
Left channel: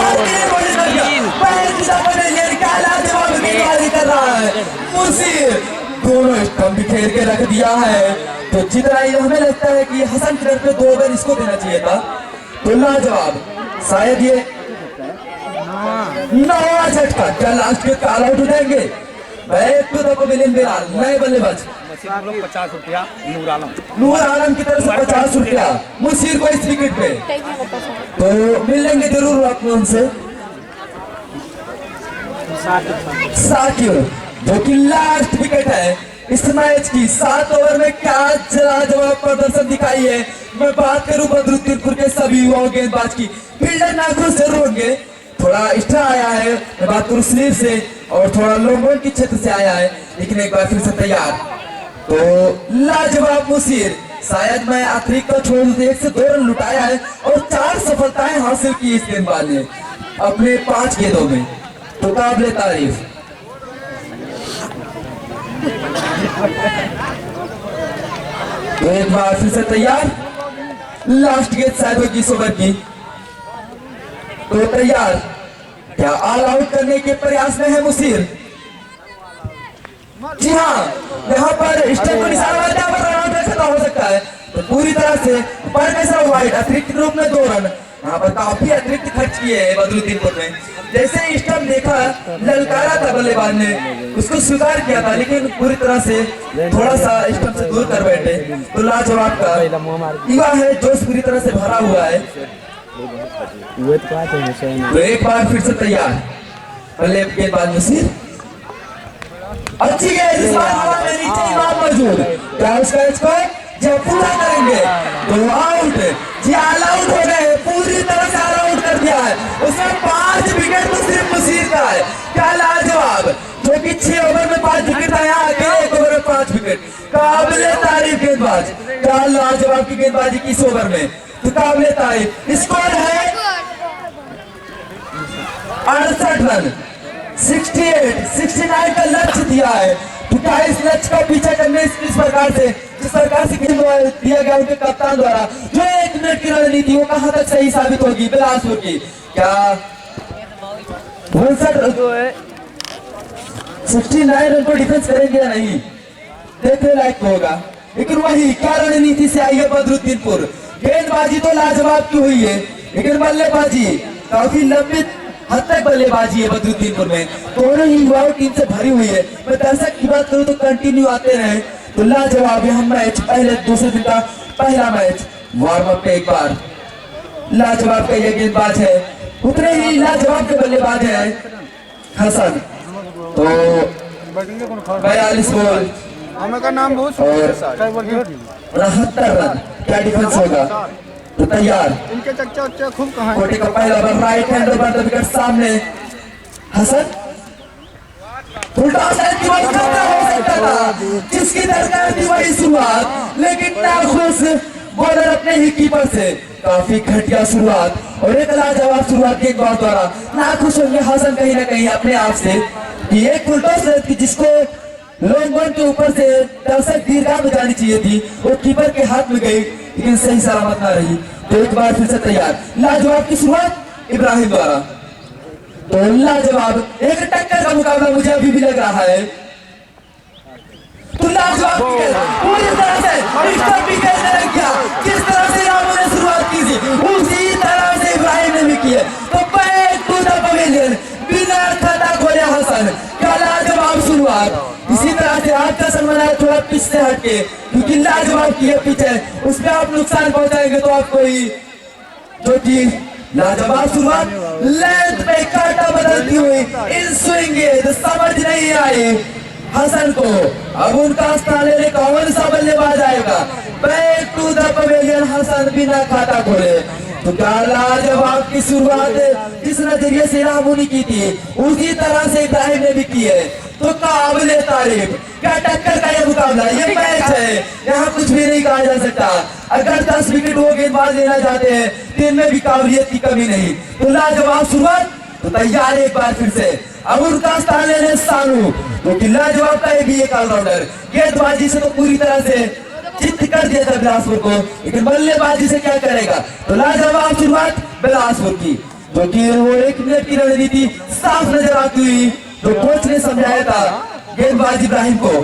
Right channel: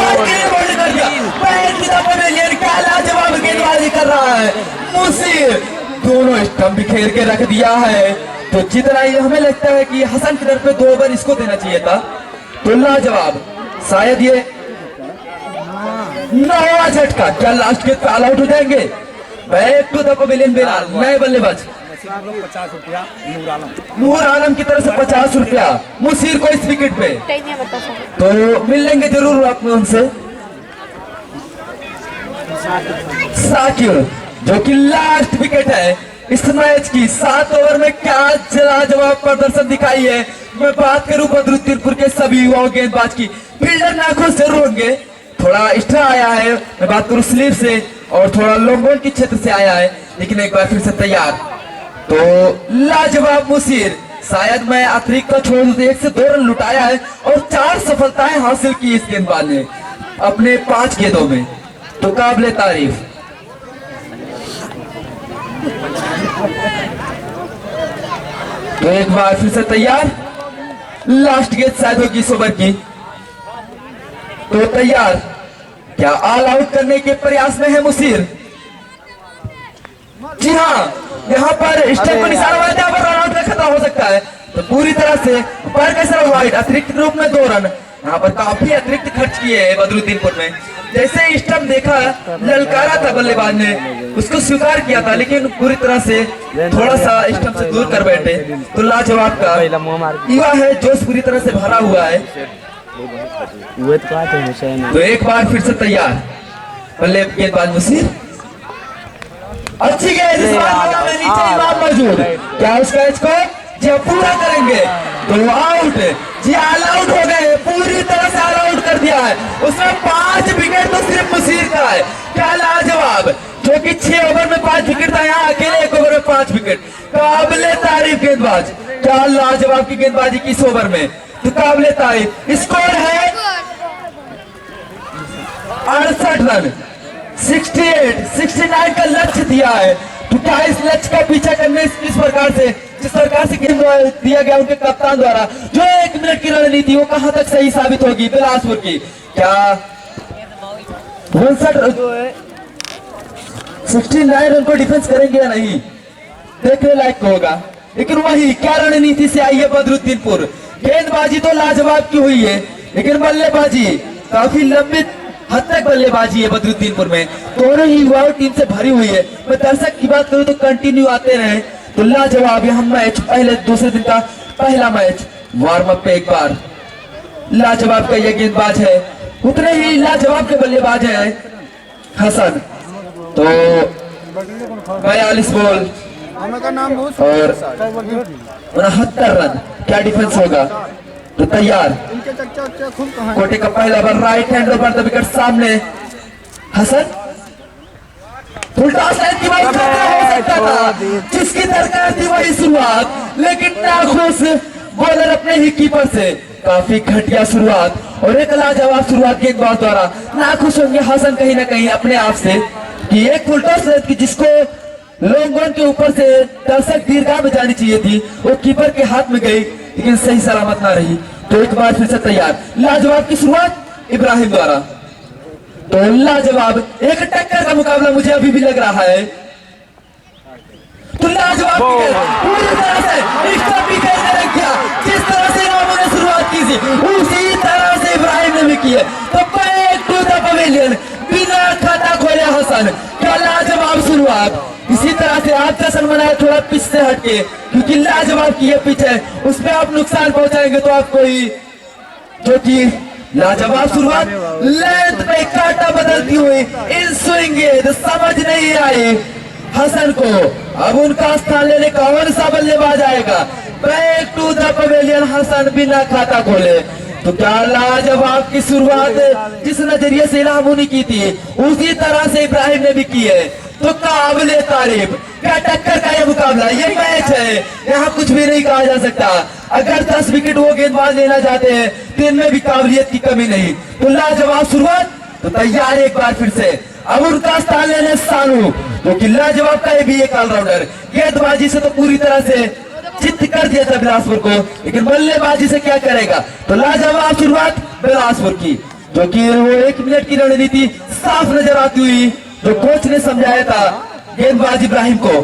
लाजवाब गेंदबाजी कर रहा है मुसीर, दोनों स्टंप बिखेर के रख दिया है। तो जितना ही हमें लगता है कि हसन की तरफ पे 2 ओवर इसको देना चाहिए था। तो लाजवाब, शायद ये 9वां झटका, क्या लास्ट के ऑल आउट हो जाएंगे? Back to the pavilion Bilal, नए बल्लेबाज 50 रुपया नूर आलम। नूर आलम की तरफ से 50 रुपया मुसीर को इस विकेट पे। तो मिल लेंगे जरूर आपको उनसे। साकिब जो कि लास्ट विकेट है इस मैच की, 7 ओवर में क्या लाजवाब प्रदर्शन दिखाई है। मैं बात करूं बदरुद्दीनपुर के सभी युवाओं गेंदबाज की, फील्डर नाखुश जरूर होंगे, थोड़ा एक्स्ट्रा आया है। मैं बात करूं स्लीव से और थोड़ा लॉन्ग के क्षेत्र से आया है, लेकिन एक बार फिर से तैयार। तो लाजवाब मुसीर, शायद मैं अतिरिक्त का छोड़ दूं, 1 से 2 रन लुटाया है और 4 सफलताएं हासिल की इस गेंदबाज ने अपने 5 गेंदों में, तो काबिले तारीफ। तो एक बार फिर से तैयार, लास्ट गेंद शायद होगी इस ओवर की। तो तैयार, क्या ऑल आउट करने के प्रयास में है मुसीर? जी हाँ, यहाँ पर स्टेप को निशाना बनाते हैं, रन आउट खत्म हो सकता है। तो पूरी तरह से पर कैसा वाइड, अतिरिक्त रूप में 2 रन, यहाँ पर काफी अतिरिक्त खर्च किए हैं बदरुद्दीनपुर में। जैसे स्टंप देखा, ललकारा था बल्लेबाज ने, उसको स्वीकार किया था, लेकिन पूरी तरह से थोड़ा सा स्टंप से दूर कर बैठे। तो लाजवाब का युवा है, जोश पूरी तरह से भरा हुआ है। तो एक बार फिर से तैयार, बल्ले गेंदबाज मुसीर, अच्छी गेंद, इस बार नीचे इमाम मौजूद, क्या उसका स्कोर जी पूरा करेंगे? तो आउट, जी ऑल आउट हो गए, पूरी तरह से ऑल आउट कर दिया है। उसमें 5 विकेट तो सिर्फ मुसीर का है, क्या लाजवाब, जो कि 6 ओवर में 5 विकेट था, यहाँ अकेले 1 ओवर में 5 विकेट, काबिले तारीफ गेंदबाज, क्या लाजवाब की गेंदबाजी की इस ओवर में, तो काबिले तारीफ। स्कोर है 68 रन, 69 का लक्ष्य दिया है। तो क्या इस लक्ष्य का पीछा करने इस प्रकार से, जिस प्रकार से गेंद दिया गया उनके कप्तान द्वारा, जो 1 मिनट की रणनीति, वो कहां तक सही साबित होगी बिलासपुर की? क्या 69 रन को डिफेंस करेंगे या नहीं, देखने लायक होगा। लेकिन वही क्या रणनीति से आई है बदरुद्दीनपुर, गेंदबाजी तो लाजवाब की हुई है, लेकिन बल्लेबाजी काफी लंबी हद तक बल्लेबाजी है बदरुद्दीनपुर में, दोनों ही युवाओं टीम से भरी हुई है। मैं दर्शक की बात करूं तो कंटिन्यू आते रहे। तो लाजवाब यह मैच, पहले दूसरे दिन का पहला मैच, वार्म अप पे एक बार लाजवाब का यह गेंदबाज है, उतने ही लाजवाब के बल्लेबाज है हसन। तो 42 बॉल और 69 रन, क्या डिफेंस होगा? तो तैयार, कोटे का पहला ball, right hand over the wicket, सामने हसन, उल्टा साइड की बात हो सकता था, जिसकी दरकार थी वही शुरुआत, लेकिन नाखुश बॉलर अपने ही कीपर से, काफी घटिया शुरुआत और एक लाजवाब शुरुआत गेंदबाज द्वारा। नाखुश होंगे हसन कहीं ना कहीं अपने आप से कि एक फुल टॉस की जिसको लॉन्ग वन के ऊपर से दर्शक दीर्घा में जानी चाहिए थी, वो कीपर के हाथ में गई, लेकिन सही सलामत ना रही। तो एक बार फिर से तैयार, लाजवाब की शुरुआत इब्राहिम द्वारा। तो लाजवाब, एक टक्कर का मुकाबला मुझे अभी भी लग रहा है। तो लाजवाब पूरी तरह से जिस तरह से रामू ने शुरुआत की थी, उसी तरह से इब्राहिम ने भी की है। तो बैक टू द पवेलियन, बिना खाता खोले हसन, क्या लाजवाब शुरुआत। इसी तरह से आज का सन्मान है थोड़ा पिच से हटके, क्योंकि लाजवाब की है पिच है, उसमें आप नुकसान पहुंचाएंगे तो आपको ही, जो कि लाजवाब शुरुआत, लेंथ पे कांटा बदलती हुई इन स्विंग समझ नहीं आई हसन को। अब उनका स्थान लेने कौन सा बल्लेबाज आएगा? Back to the pavilion, Hasan बिना खाता खोले, तो क्या लाजवाब की शुरुआत जिस नजरिए से इलामू ने की थी उसी तरह से इब्राहिम ने भी की है। तो काबिले तारीफ, क्या टक्कर का ये मुकाबला, ये मैच है, यहाँ कुछ भी नहीं कहा जा सकता। अगर 10 विकेट वो गेंदबाज लेना चाहते हैं तो इनमें भी काबिलियत की कमी नहीं। तो लाजवाब शुरुआत, तो तैयार एक बार फिर से। अब उनका स्थान लेने सानू, तो लाजवाब का ये भी एक ऑलराउंडर, गेंदबाजी से तो पूरी तरह से चित्त कर दिया था बिलासपुर को, लेकिन बल्लेबाजी से क्या करेगा। तो लाजवाब शुरुआत बिलासपुर की, जो कि वो 1 मिनट की रणनीति साफ नजर आती हुई जो कोच ने समझाया था गेंदबाज इब्राहिम को।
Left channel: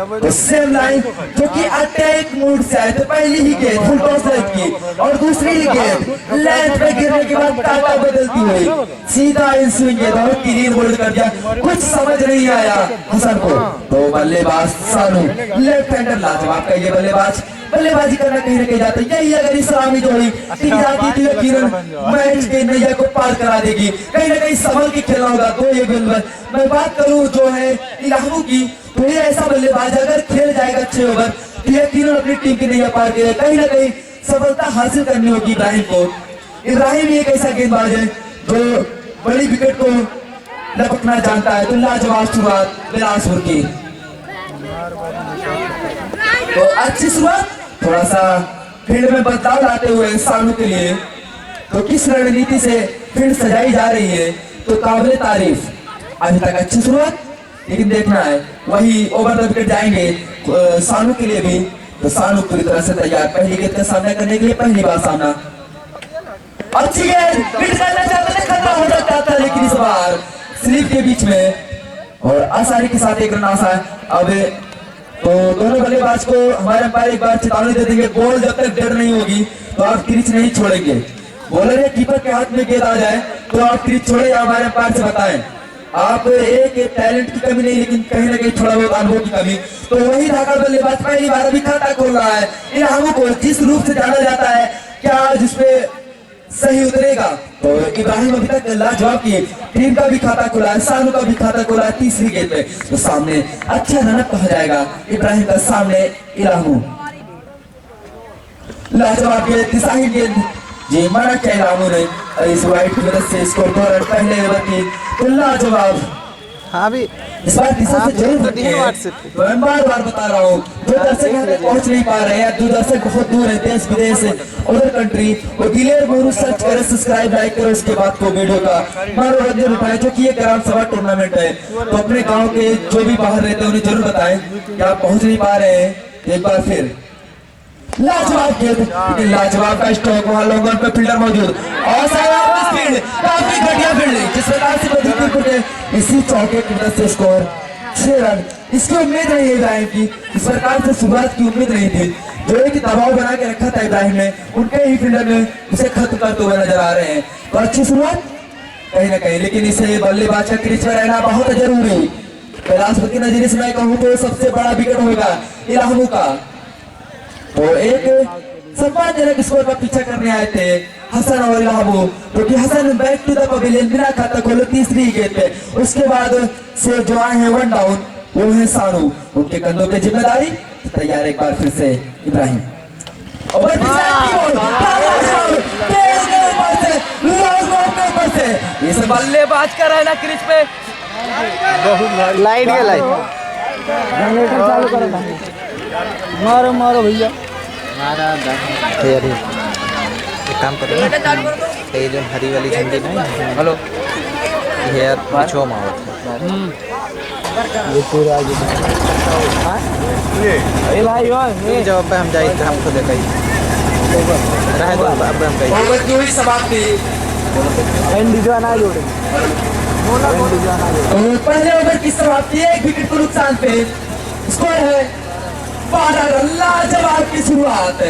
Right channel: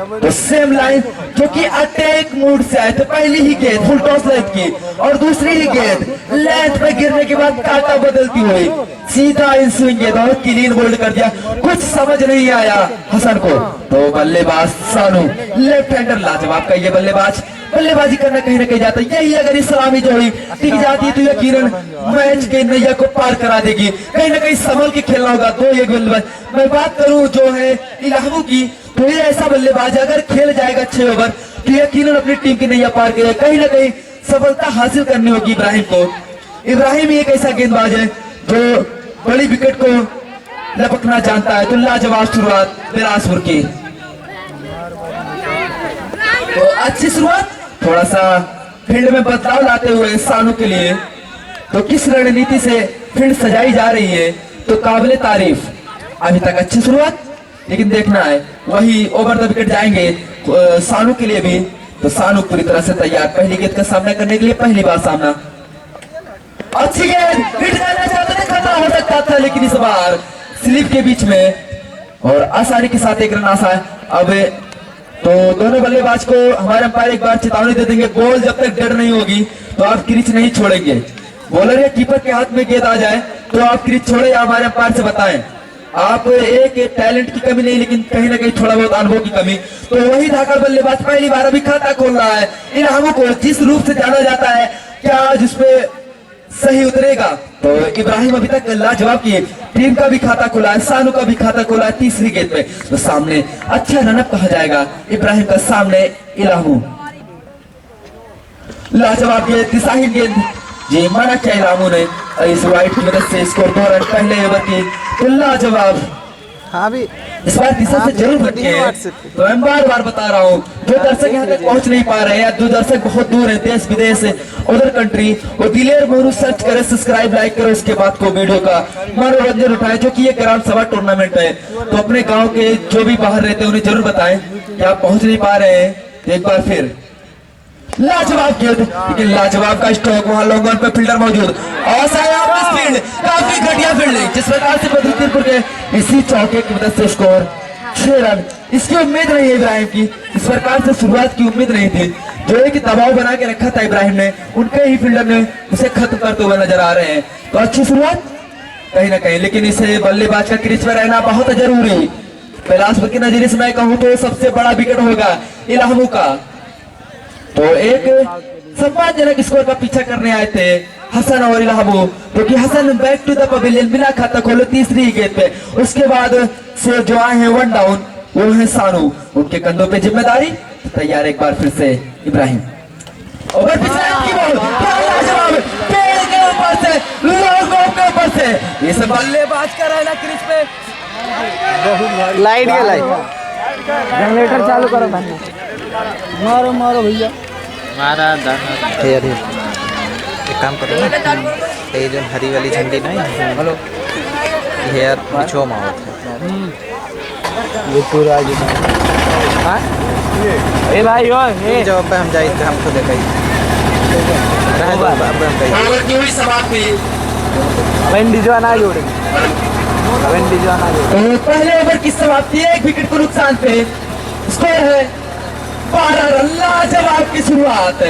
तो सेम लाइन जो कि अटैक मूड से आए थे, पहली ही गेंद फुल टॉस लेंथ की और दूसरी ही गेंद लेंथ पे गिरने के बाद काटा बदलती हुई सीधा इन स्विंग गेंद और क्लीन बोल्ड कर दिया। कुछ समझ नहीं आया हसन को। तो बल्लेबाज सानू, लेफ्ट हैंडर, लाजवाब का ये बल्लेबाज बल्लेबाजी करना कहीं ना कहीं जाता है। यही अगर इस सलामी जोड़ी टिक जाती तो यकीनन मैच के नैया को पार करा देगी। कहीं ना कहीं संभल के खेलना होगा। तो ये बल्लेबाज, मैं बात करूं जो है इलाहू की, तो ये ऐसा बल्लेबाज अगर खेल जाएगा 6 ओवर तो यकीनन अपनी टीम की नैया पार करेगा। कहीं ना कहीं सफलता हासिल करनी होगी इब्राहिम को। इब्राहिम एक ऐसा गेंदबाज है जो बड़ी विकेट को लपकना जानता है। तो लाजवाब शुरुआत बिलासपुर की, तो अच्छी शुरुआत, थोड़ा सा फील्ड में बदलाव लाते हुए सानू के लिए। तो किस रणनीति से फील्ड सजाई जा रही है, तो काबिले तारीफ। अभी तक अच्छी शुरुआत, लेकिन देखना है वही ओवर द विकेट जाएंगे सानू के लिए भी। तो सानू पूरी तरह से तैयार पहली गेंद का सामना करने के लिए, पहली बार सामना। अच्छी गेंद, फिर जाना चाहते थे, खतरा हो सकता था, लेकिन इस बार स्लिप के बीच में और आसानी के साथ एक रन आशा है। अब तो दोनों बल्लेबाज को हमारे अंपायर एक बार चेतावनी दे देंगे, बॉल जब तक डेड नहीं होगी तो आप क्रीज नहीं छोड़ेंगे। बॉलर या कीपर के हाथ में गेंद आ जाए तो आप क्रीज छोड़े या हमारे अंपायर से बताएं। आप एक टैलेंट की कमी नहीं, लेकिन कहीं ना कहीं थोड़ा बहुत अनुभव की कमी। तो वही धाकड़ बल्लेबाज पहली बार अभी खाता खोल रहा है। इनामों को जिस रूप से जाना जाता है, क्या जिसपे सही उतरेगा। तो इब्राहिम अभी तक लाजवाब की टीम का भी खाता खुला है, सानू का भी खाता खुला है। तीसरी गेंद पे तो सामने अच्छा रनअप कहा जाएगा इब्राहिम का, सामने इलाहू। लाजवाब गेंद, दिशाहीन गेंद, ये माना क्या इलाहू ने इस वाइट की मदद से स्कोर 2 रन पहले ओवर की। तो लाजवाब, हाँ भी इस बार दिशा से जरूर रखिए। तो मैं बार बार बता रहा हूँ, जो दर्शक यहाँ तक पहुँच नहीं पा रहे हैं, जो दर्शक बहुत दूर है, देश विदेश उधर कंट्री, वो दिलेर मोरू सर्च करे, सब्सक्राइब लाइक करो, उसके बाद को वीडियो का मनोरंजन उठाए। जो कि ये ग्राम सभा टूर्नामेंट है, तो अपने गाँव के जो भी बाहर रहते हैं उन्हें जरूर बताएं कि आप पहुँच नहीं पा रहे हैं। एक बार फिर लाजवाब गेंद, लेकिन लाजवाब का स्ट्रोक, वहां लॉन्ग ऑन पे फील्डर मौजूद और फील्ड काफी घटिया फील्डिंग जिस प्रकार से बदलपुर के इसी चौके की मदद से स्कोर 6 रन। इसकी उम्मीद नहीं है इब्राहिम की, इस प्रकार से शुरुआत की उम्मीद नहीं थी। जो एक दबाव बना के रखा था इब्राहिम ने, उनके ही फील्डर ने उसे खत्म करते हुए नजर आ रहे हैं। तो अच्छी शुरुआत कहीं ना कहीं, लेकिन इसे बल्लेबाज का क्रीज पर रहना बहुत जरूरी। बिलासपुर के नजरिए से मैं कहूँ तो सबसे बड़ा विकेट होगा इलाहू का। तो एक सम्मानजनक स्कोर का पीछा करने आए थे हसन और इलाहू, क्योंकि Hasan back to the pavilion बिना खाता खोले तीसरी गेंद पे। उसके बाद से जो आए हैं 1 डाउन, वो है सानू, उनके कंधों पे जिम्मेदारी। तैयार एक बार फिर से इब्राहिम, और ये सब बल्लेबाज का रहना क्रीज पे। लाइट गया, लाइट जनरेटर चालू करो भाई, मारो मारो भैया, मारा यार। एक काम करो ना, ये जो हरी वाली झंडी नहीं, हेलो ये यार पिछो मारो ये पूरा आज ए भाई ओए ये जवाब पे हम जाए हम खुद कहीं रह दो। अब हम कहीं ओवर की हुई समाप्ति, वेंडी जो ना जोड़े, वेंडी जो ना जोड़े। पहले ओवर की समाप्ति, 1 विकेट को नुकसान पे स्कोर है 12 रन। लाजवाब की शुरुआत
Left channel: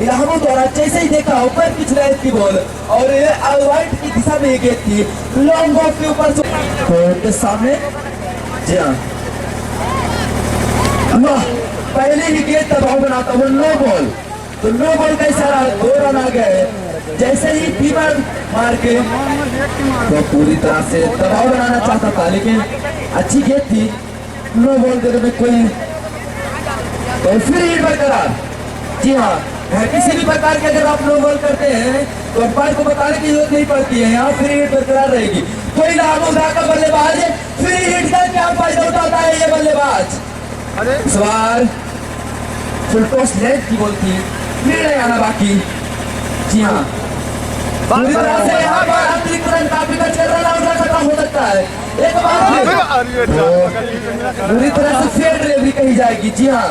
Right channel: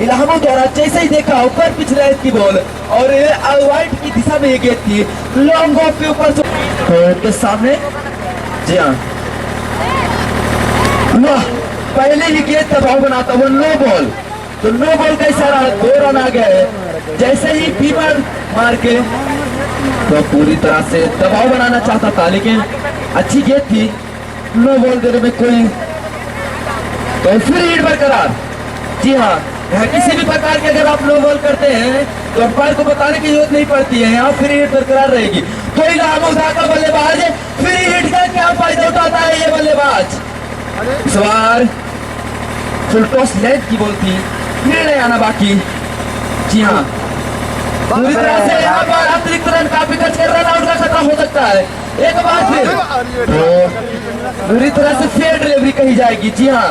इलाहू द्वारा जैसे ही देखा ऊपर पिछले की बॉल और वाइट की दिशा में ये गेंद थी लॉन्ग ऑफ के ऊपर के सामने। जी हाँ, पहले ही गेंद दबाव बनाता वो नो बॉल, तो नो बॉल का इशारा 2 रन आ गए। जैसे ही फीवर मार के तो पूरी तरह से दबाव बनाना चाहता था, लेकिन अच्छी गेंद थी, नो बॉल देने में कोई। तो फिर लीड बरकरार। जी हाँ, किसी भी प्रकार के अगर आप नो बॉल करते हैं तो अंपायर को बताने की जरूरत नहीं पड़ती है, यहाँ फ्री हिट बरकरार रहेगी। कोई इलाहाबाद का बल्लेबाज फ्री हिट का क्या फायदा उठाता है ये बल्लेबाज। इस बार फुल टॉस लेंथ की बॉल थी, निर्णय आना बाकी। जी हाँ, पूरी तरह से यहाँ पर अतिरिक्त रन काफी खर्च कर रन आउट का खतरा हो सकता है। एक बार फिर पूरी तरह से फेयर डिलीवरी कही जाएगी। जी हाँ,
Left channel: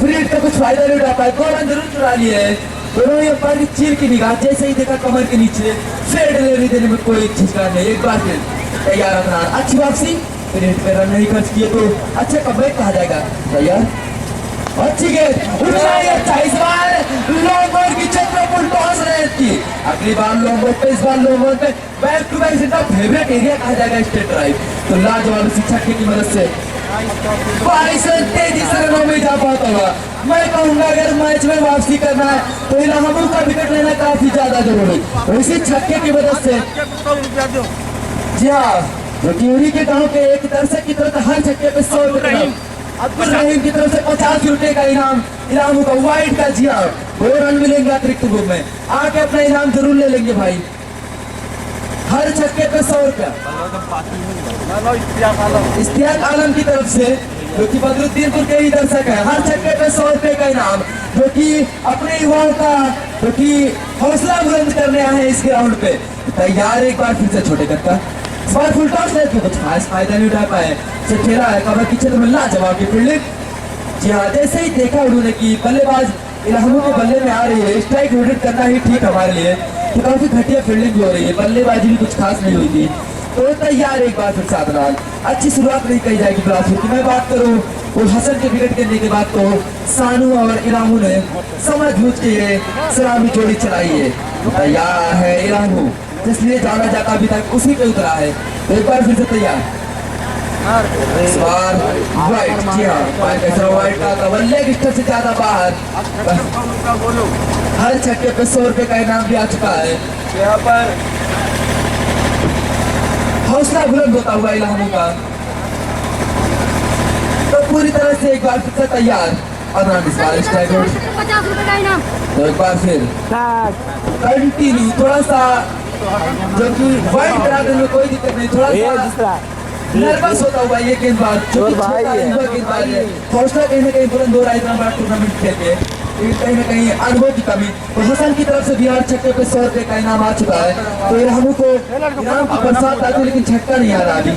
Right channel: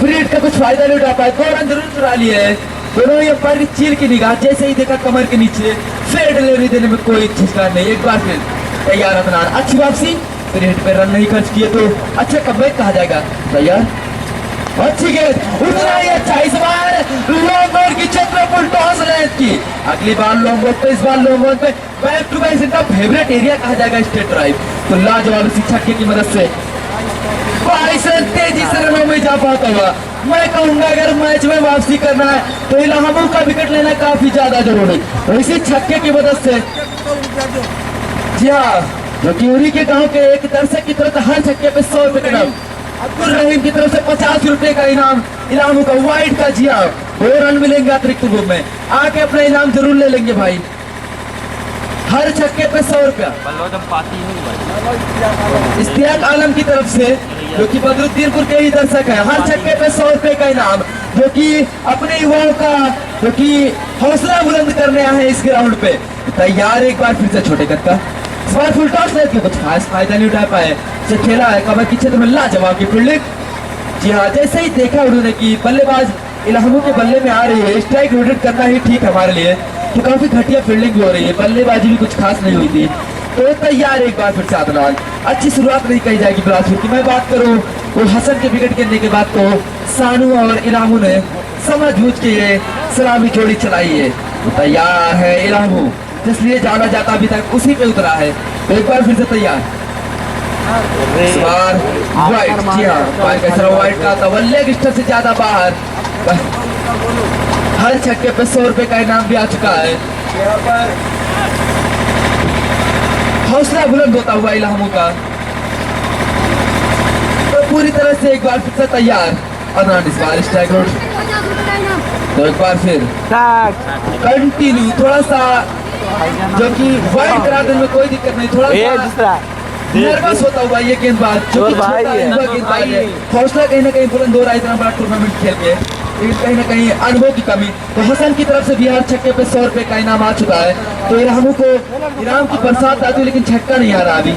फ्री हिट का कुछ फायदा नहीं उठा पाए, 2 रन जरूर चुरा लिए है। दोनों ही अंपायर की चीर की निगाह, जैसे ही देखा कमर के नीचे, फेयर डिलीवरी देने में कोई झिझकान नहीं। एक बार फिर तैयार अदनान, अच्छी वापसी, फ्री हिट पे रन नहीं खर्च किए तो अच्छा कमबैक कहा जाएगा। तैयार, अच्छी गेंद, उतना ही अच्छा। इस बार लॉन्ग बॉल की छत में फुल टॉस रेत की, अगली बार लॉन्ग बॉल पे, इस बार लॉन्ग बॉल पे बैक टू बैक इनका फेवरेट एरिया कहा जाएगा स्ट्रेट ड्राइव। तो लाजवाब इसी छक्के की मदद से 22 रन तेजी से रनों में जा पाता हुआ। मैं कहूंगा अगर मैच में वापसी करना है तो इलाहाबाद का विकेट लेना काफी ज्यादा जरूरी, तो इसी छक्के की मदद से। जी हाँ, जो क्यूरी के गांव के एक दर्शक की तरफ हर छक्के पे 100 रुपए का, अब्दुल रहीम की तरफ से 50 रुपए का इनाम इलाहाबाद का वाइड का। जी हाँ, 2 रन मिलेंगे अतिरिक्त रूप में, आके अपना इनाम जरूर ले लेंगे भाई। हर छक्के पे 100 रुपया इश्तियाक आलम की तरफ से, जो कि बदरुद्दीनपुर के ही दर्शक है। हर छक्के पे 100 रुपए का इनाम, जो कि अपने युवाओं का जो कि हौसला बुलंद करने आए हैं इस ग्राउंड पे। तैयार, एक बार फिर से छोटे कद का इस बार फुल टॉस लेके कुछ खास फायदा नहीं उठा पाए। से खेला है कवर की क्षेत्र में लाजवाब की फील्डिंग। जी हाँ, जैसे ही देखा उन्होंने कि बल्लेबाज इलाहाबाद के बल्ले में आ रही है, स्ट्राइक रोटेट करना ही ठीक हमारे लिए, तो काफी घटिया फील्डिंग भी हो रही है, बल्लेबाजी भी कुछ खास नहीं हुई थी। तो तैयार, एक बार फिर से अदनान, अच्छी शुरुआत नहीं कही जाएगी बिलासपुर की। मैं बात करूं वो हसन के विकेट गिरने के बाद तो सानू और इलामू ने समझ बूझ के ये सलामी जोड़ी चलाई है। तैयार है इलामू, जिसलिए जाना जाता अभी तक उसी पे उतरा है। तो एक बार फिर से तैयार, इस बार वाइट। जी हाँ, वाइट का कवर लेग स्टंप से ज्यादा बाहर। हर छक्के पे 100 रुपए का इनाम भी आ चुका है। यहाँ पर हौसला बुलंद होता हुआ इलाहाबाद का, तो पूरी तरह से एक बार फिर से तैयार अदनान। इस बार स्ट्राइक आउट, तो एक बार फिर कंटिन्यू, थोड़ा सा जो कि वाइड करा देने में कोई दिक्कत नहीं, थोड़ा सा नर्वस होता हुआ ये गेंदबाज, जो कि छोटा गेंदबाज है, हौसला कहीं ना कहीं बुलंद हो रहा है इतना बड़ा टूर्नामेंट खेल के, कहीं ना कहीं अनुभव की कमी। तो हसन की तरफ से भी हर छक्के पे 100 रुपए का इनाम आ चुका है। तो इलाहाबाद को इनाम की बरसात आती है, लेकिन छक्का नहीं आ रहा अभी।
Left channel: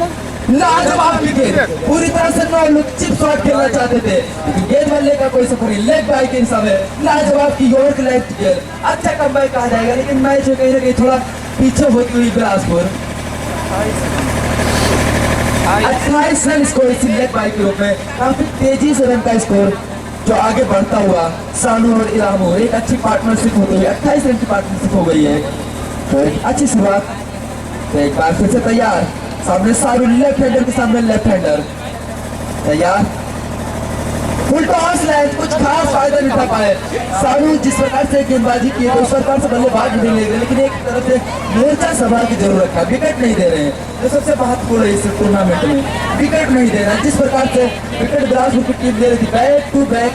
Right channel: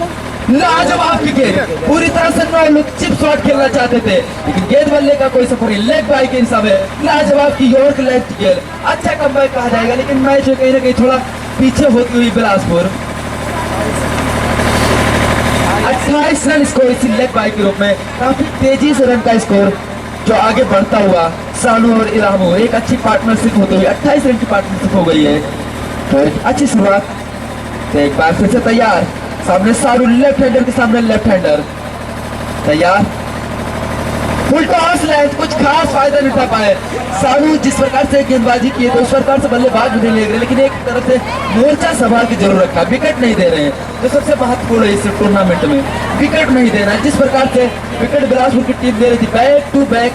लाजवाब की गेंद, पूरी तरह से नो लुक चिप शॉट खेलना चाहते थे, लेकिन गेंद बल्ले का कोई सफर नहीं, लेग बाई के हिसाब है। लाजवाब की यॉर्क लेफ्ट गेंद, अच्छा कमबैक कहा जाएगा, लेकिन मैच में कहीं ना कहीं थोड़ा पीछे होती हुई बिलासपुर। 28 रन स्कोर इसी लेग बाई के रूप में, काफी तेजी से रन का स्कोर जो आगे बढ़ता हुआ। सानू और इलाहाबाद एक अच्छी पार्टनरशिप होती हुई 28 रन की पार्टनरशिप हो गई है। तो एक अच्छी शुरुआत। तो एक बार फिर से तैयार, सामने सारू लेफ्ट हैंडर के सामने लेफ्ट हैंडर। तैयार, फुल टॉस लेंथ, कुछ खास फायदा नहीं उठा पाए। सारू जिस प्रकार से गेंदबाजी की है तो उस प्रकार से बल्लेबाज नहीं ले रहे, लेकिन एक तरफ से मोर्चा संभाल की जरूर रखा, विकेट नहीं दे रहे हैं, तो सबसे महत्वपूर्ण है इस टूर्नामेंट में, विकेट नहीं देना। जिस प्रकार से विकेट बिलासपुर की टीम दे रही थी, back to back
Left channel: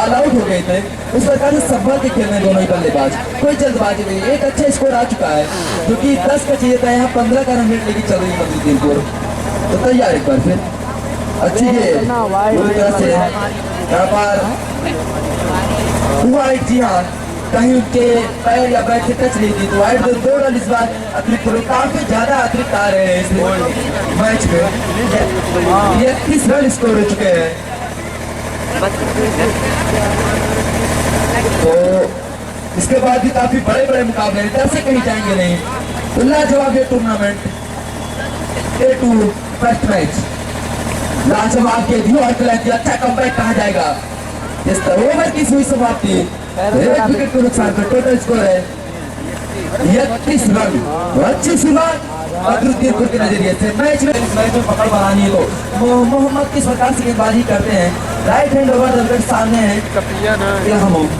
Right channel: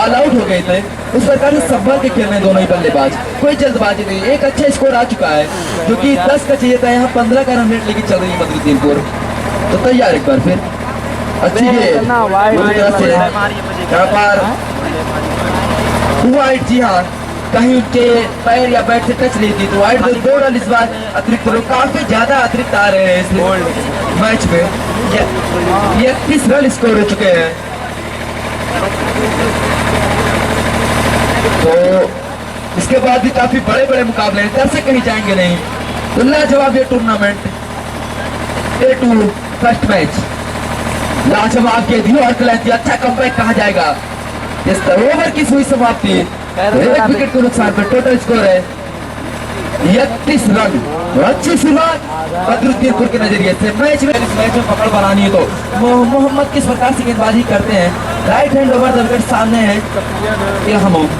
all out हो गए थे, उस प्रकार से संभाल के खेल रहे दोनों ही बल्लेबाज, कोई जल्दबाजी नहीं। एक अच्छा स्कोर आ चुका है, जो कि 10 का चाहिए था, यहाँ 15 का रन रेट लेके चल रही है बदरुद्दीनपुर। तो तैयार, एक बार फिर अच्छी गेंद, यहाँ पर वाइड। जी हाँ, कहीं उनके पैर या बैट से टच नहीं थी, तो वाइड 2 रन इस बार अतिरिक्त लोग काफी ज्यादा अतिरिक्त आ रहे हैं इस मैच में। 31 रन स्कोर हो चुके हैं। तो इसके बाद भी काफी बड़े बड़े मुकाबले हैं, दर्शक कहीं जाएंगे नहीं। तो लाजवाब ये टूर्नामेंट A2 फर्स्ट मैच, लाजवाब के दियो अच्छा कमबैक कहा जाएगा। इस ओवर की हुई समाप्ति, एक विकेट के नुकसान पर टोटल स्कोर है 31 रन। अच्छी शुरुआत बदरुद्दीनपुर के नजरिए से। मैच में पकड़ बनानी है तो मोहम्मद किस प्रकार से गेंदबाजी करते हैं, right hand over the wicket सामने है इलाहाबाद।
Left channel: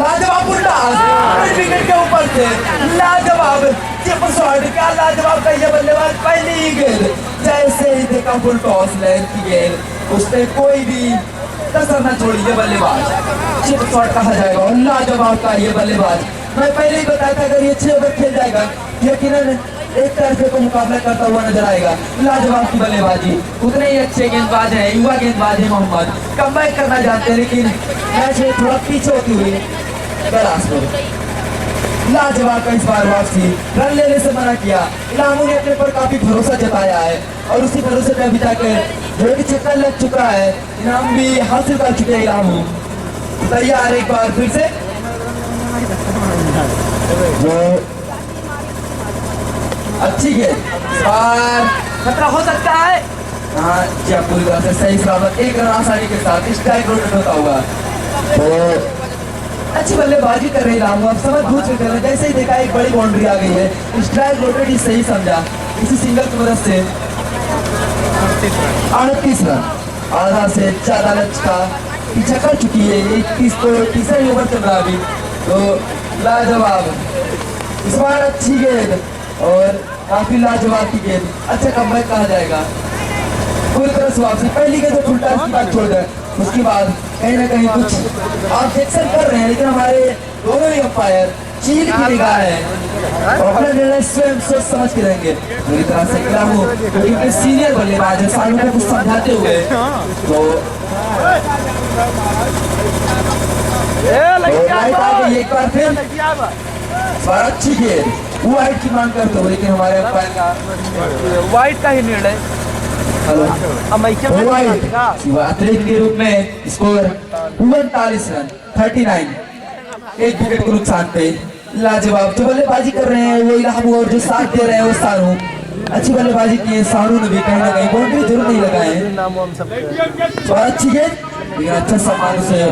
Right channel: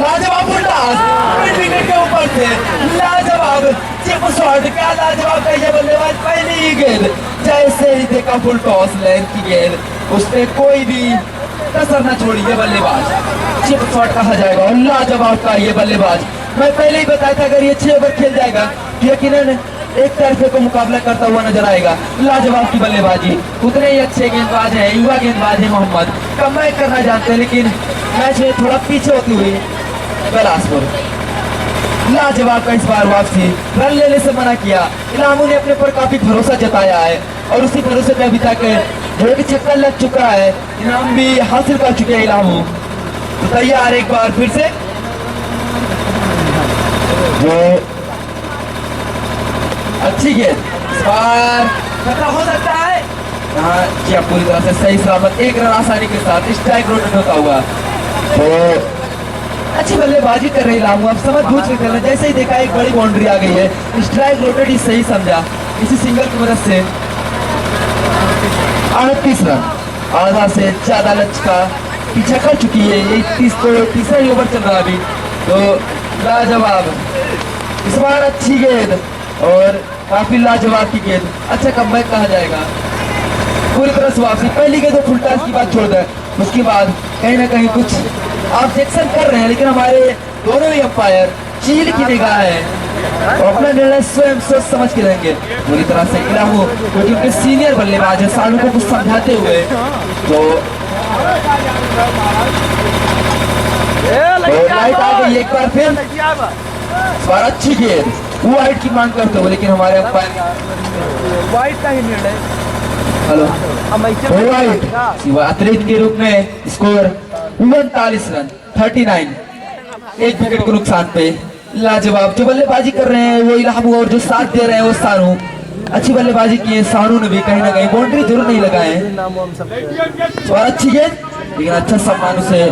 लाजवाब उल्टा विकेट के ऊपर से लाजवाब चिप शॉट, क्या लाजवाब का ये बल्लेबाज, पहली ही गेंद जैसे ही देखा फुल टॉस लेंथ की गेंद, उसने कोई भी कसर न छोड़ी है बल्लेबाज। चिप शॉट कहा जाएगा और लाजवाब का ये बल्लेबाज। मैं पहले ही बताया था अगर ये 6 ओवर खेल जाएगा यकीनन एक तरफे को मुकाबला करता हुआ नजर आएगा। लाजवाब की बल्लेबाजी, उतने ही अच्छे गेंदबाज हैं, युवा गेंदबाज है मोहम्मद, कमबैक करना जानते हैं लेकिन मैच में थोड़ा पीछे होती हुई बिलासपुर। लाजवाब का इस बार वापसी, रन लेने से मना किया। इलामू ने अपने पर काफी भरोसा जताया है और उसी भरोसे पे अभी तक एक छक्का लग चुका है, इनाम भी हासिल कर चुके हैं इलामू। तो तैयार एक बार फिर से जो अच्छी गेंद, इस बार खतरा हो सकता है। हाँ क्या पूरी तरह से सही सलामत एक रन आसानी के साथ स्ट्राइक रोटेट होता हुआ। तो अच्छी बल्लेबाजी कर रही लामू, अब समझ बूझ के कर रहे। जैसे ही देखा एक बड़ी बाउंड्री आ गई है, स्ट्राइक रोटेट ही सही समझा। इसी सिंगल की मदद से 38 रन, आधा से ज्यादा लक्ष्य का पीछा कर चुकी है। 31 को तीसरा ही ओवर चल रहा है अभी। तो लाजवाब इस बार अच्छी गेंद और काफी लाजवाब की गेंद, अच्छा कमबैक कहा जाएगा। पूरी तरह से वापसी, पहली गेंद तो फुल टॉस की बात छोड़ दें, उसके बाद कहीं ना कहीं कुछ ऑब्जेक्शन कर रहे हैं लेकिन हमारे दोनों ही अंपायर चील की निगाह है और अपना निर्णय स्वयं सोच समझ के लेंगे। पूरी तरह से इलामू जो टीम के सीनियर बल्लेबाज है, सालू को कुछ समझाते हुए तो लाइट आ गई एक बार फिर। अच्छी गेंद वाइट की मांग करते हुए लेकिन हमारे अंपायर वाइट का ही निर्णय। हेलो अतिरिक्त के रूप में स्कोर 39 रन 39, एक विकेट के नुकसान पे। लाजवाब जो बल्लेबाजी कर रहे हैं वो इलामू और जो साथ दे रहे हैं वो सानू, अच्छी बल्लेबाजी की है। सानू ने भी कहीं ना कहीं बाउंड्री जरूर नहीं लगाए हैं और अच्छी गेंद लेकिन अच्छा सम्मान उसे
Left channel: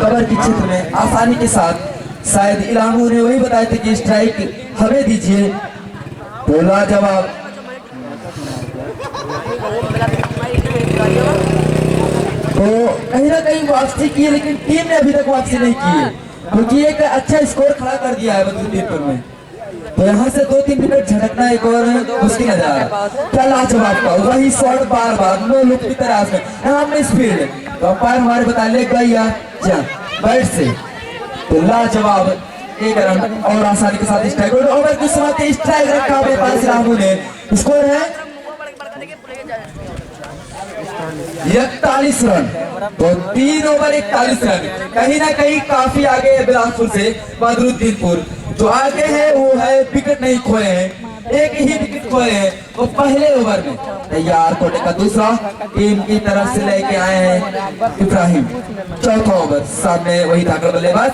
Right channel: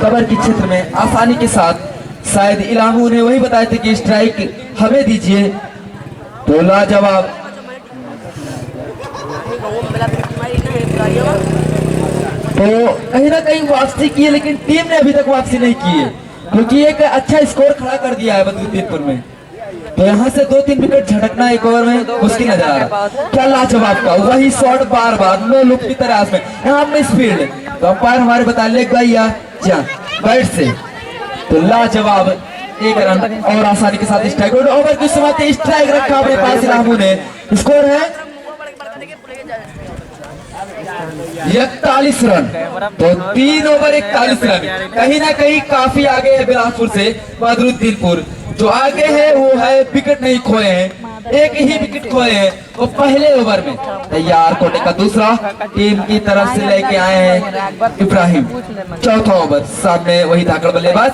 कवर के क्षेत्र में आसानी के साथ। शायद इलामू ने वही बताया था कि स्ट्राइक हमें दीजिए। तो लाजवाब तो कहीं ना कहीं वापसी की है लेकिन टीम ने अभी तक वापसी नहीं की है क्योंकि एक अच्छा स्कोर खड़ा कर दिया है बदरुद्दीनपुर में। तो यहाँ से 2-3 विकेट झटकना एक ओवर में मुश्किल नजर आ रहा है। क्या लाजवाब का वही शॉट, बार बार नो लुक की तरह में यहाँ में स्पीड। तो अंपायर हमारे बता ले गई बैट से। तो लाजवाब एक रन और आसानी के साथ स्ट्राइक ओवर की समाप्ति, स्ट्राइक रखा अपने पास रामू ने। स्कोर है 41 रन। तो 3 ओवर 41 रन, कहीं ना कहीं काफी आगे है बिलासपुर से बदरुद्दीनपुर। जो आगे है वो है विकेट नहीं खोए हैं, एक ही विकेट खोए हैं वो पहले ओवर में। तैयार कोटे का दूसरा टीम की तरफ से लेके आए हैं इब्राहिम। चौथा ओवर, सामने वही धाकड़ बल्लेबाज।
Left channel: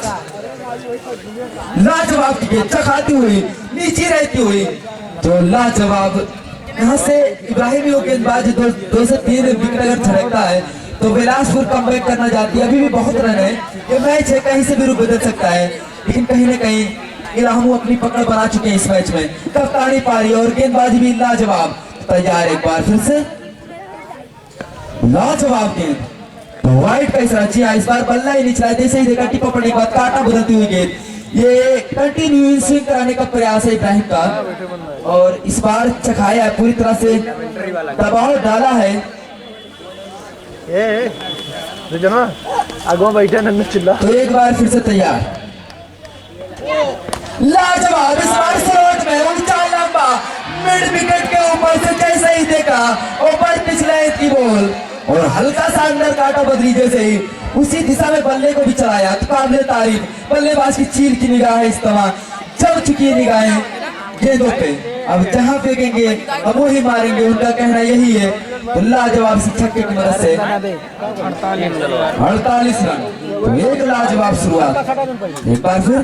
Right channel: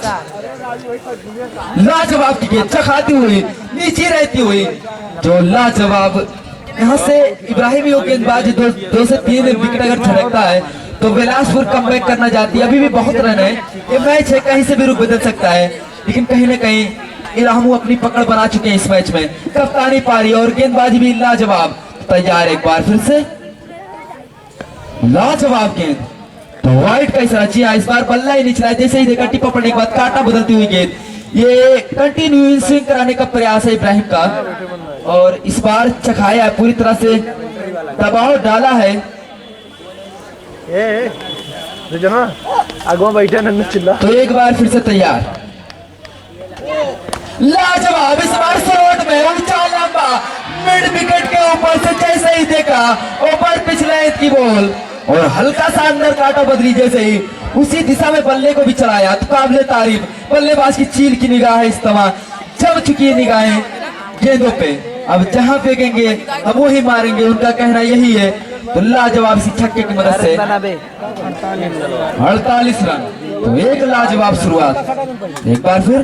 लाजवाब की गेंद चखाती हुई नीचे रहती हुई, जो लाजवाब यहाँ से इब्राहिम गेंदबाज 2 से 3 विकेट अगर झटकता है तो बिलासपुर कमबैक करना चाहती है। अभी भी बहुत रन है, ये मैच है, कहीं से भी रुख बदल सकता है लेकिन कहीं ना कहीं इलामू अपनी पकड़ बना चुके हैं इस मैच में। कप्तानी पारी और गेंदबाजी भी लाजवाब। तैयार एक बार फिर से, लाजवाब गेंद। तो वाइट का इशारा, जी हाँ इस बार बल्ला ही नहीं चला, जैसे ही देखा टिप्पा पड़ने के बाद काटा बदलती हुई गेंद। ये कंटिन्यू स्विंग कराने का प्रयास है इब्राहिम का और इस बार चखाया है, पूरी तरह से दबाव डाला है। आगो बैठे नन्हे चिल्ला। तो एक बार फिर से तैयार, लाजवाब इस बार शॉट में ऊंचा लंबा मिड विकेट के ऊपर से जैसे ही देखा ऊपर पिछले की बॉल और हल्का सा अंदर काटा बदली, जैसे ही उसी दिशा में बल्ले को भी चलाया। तो काबिले तारीफ बल्लेबाज की चील की निगाह है, इस्तेमाल जब चुकी है निगाहें गेंदों पे, अब जहां फेंकेंगे अब वो ही मारेंगे, उनका कहना यही है। तो लाजवाब सी छक्के की मदद से 48 रन। तो एक लाजवाब शुरुआत, एक बार फिर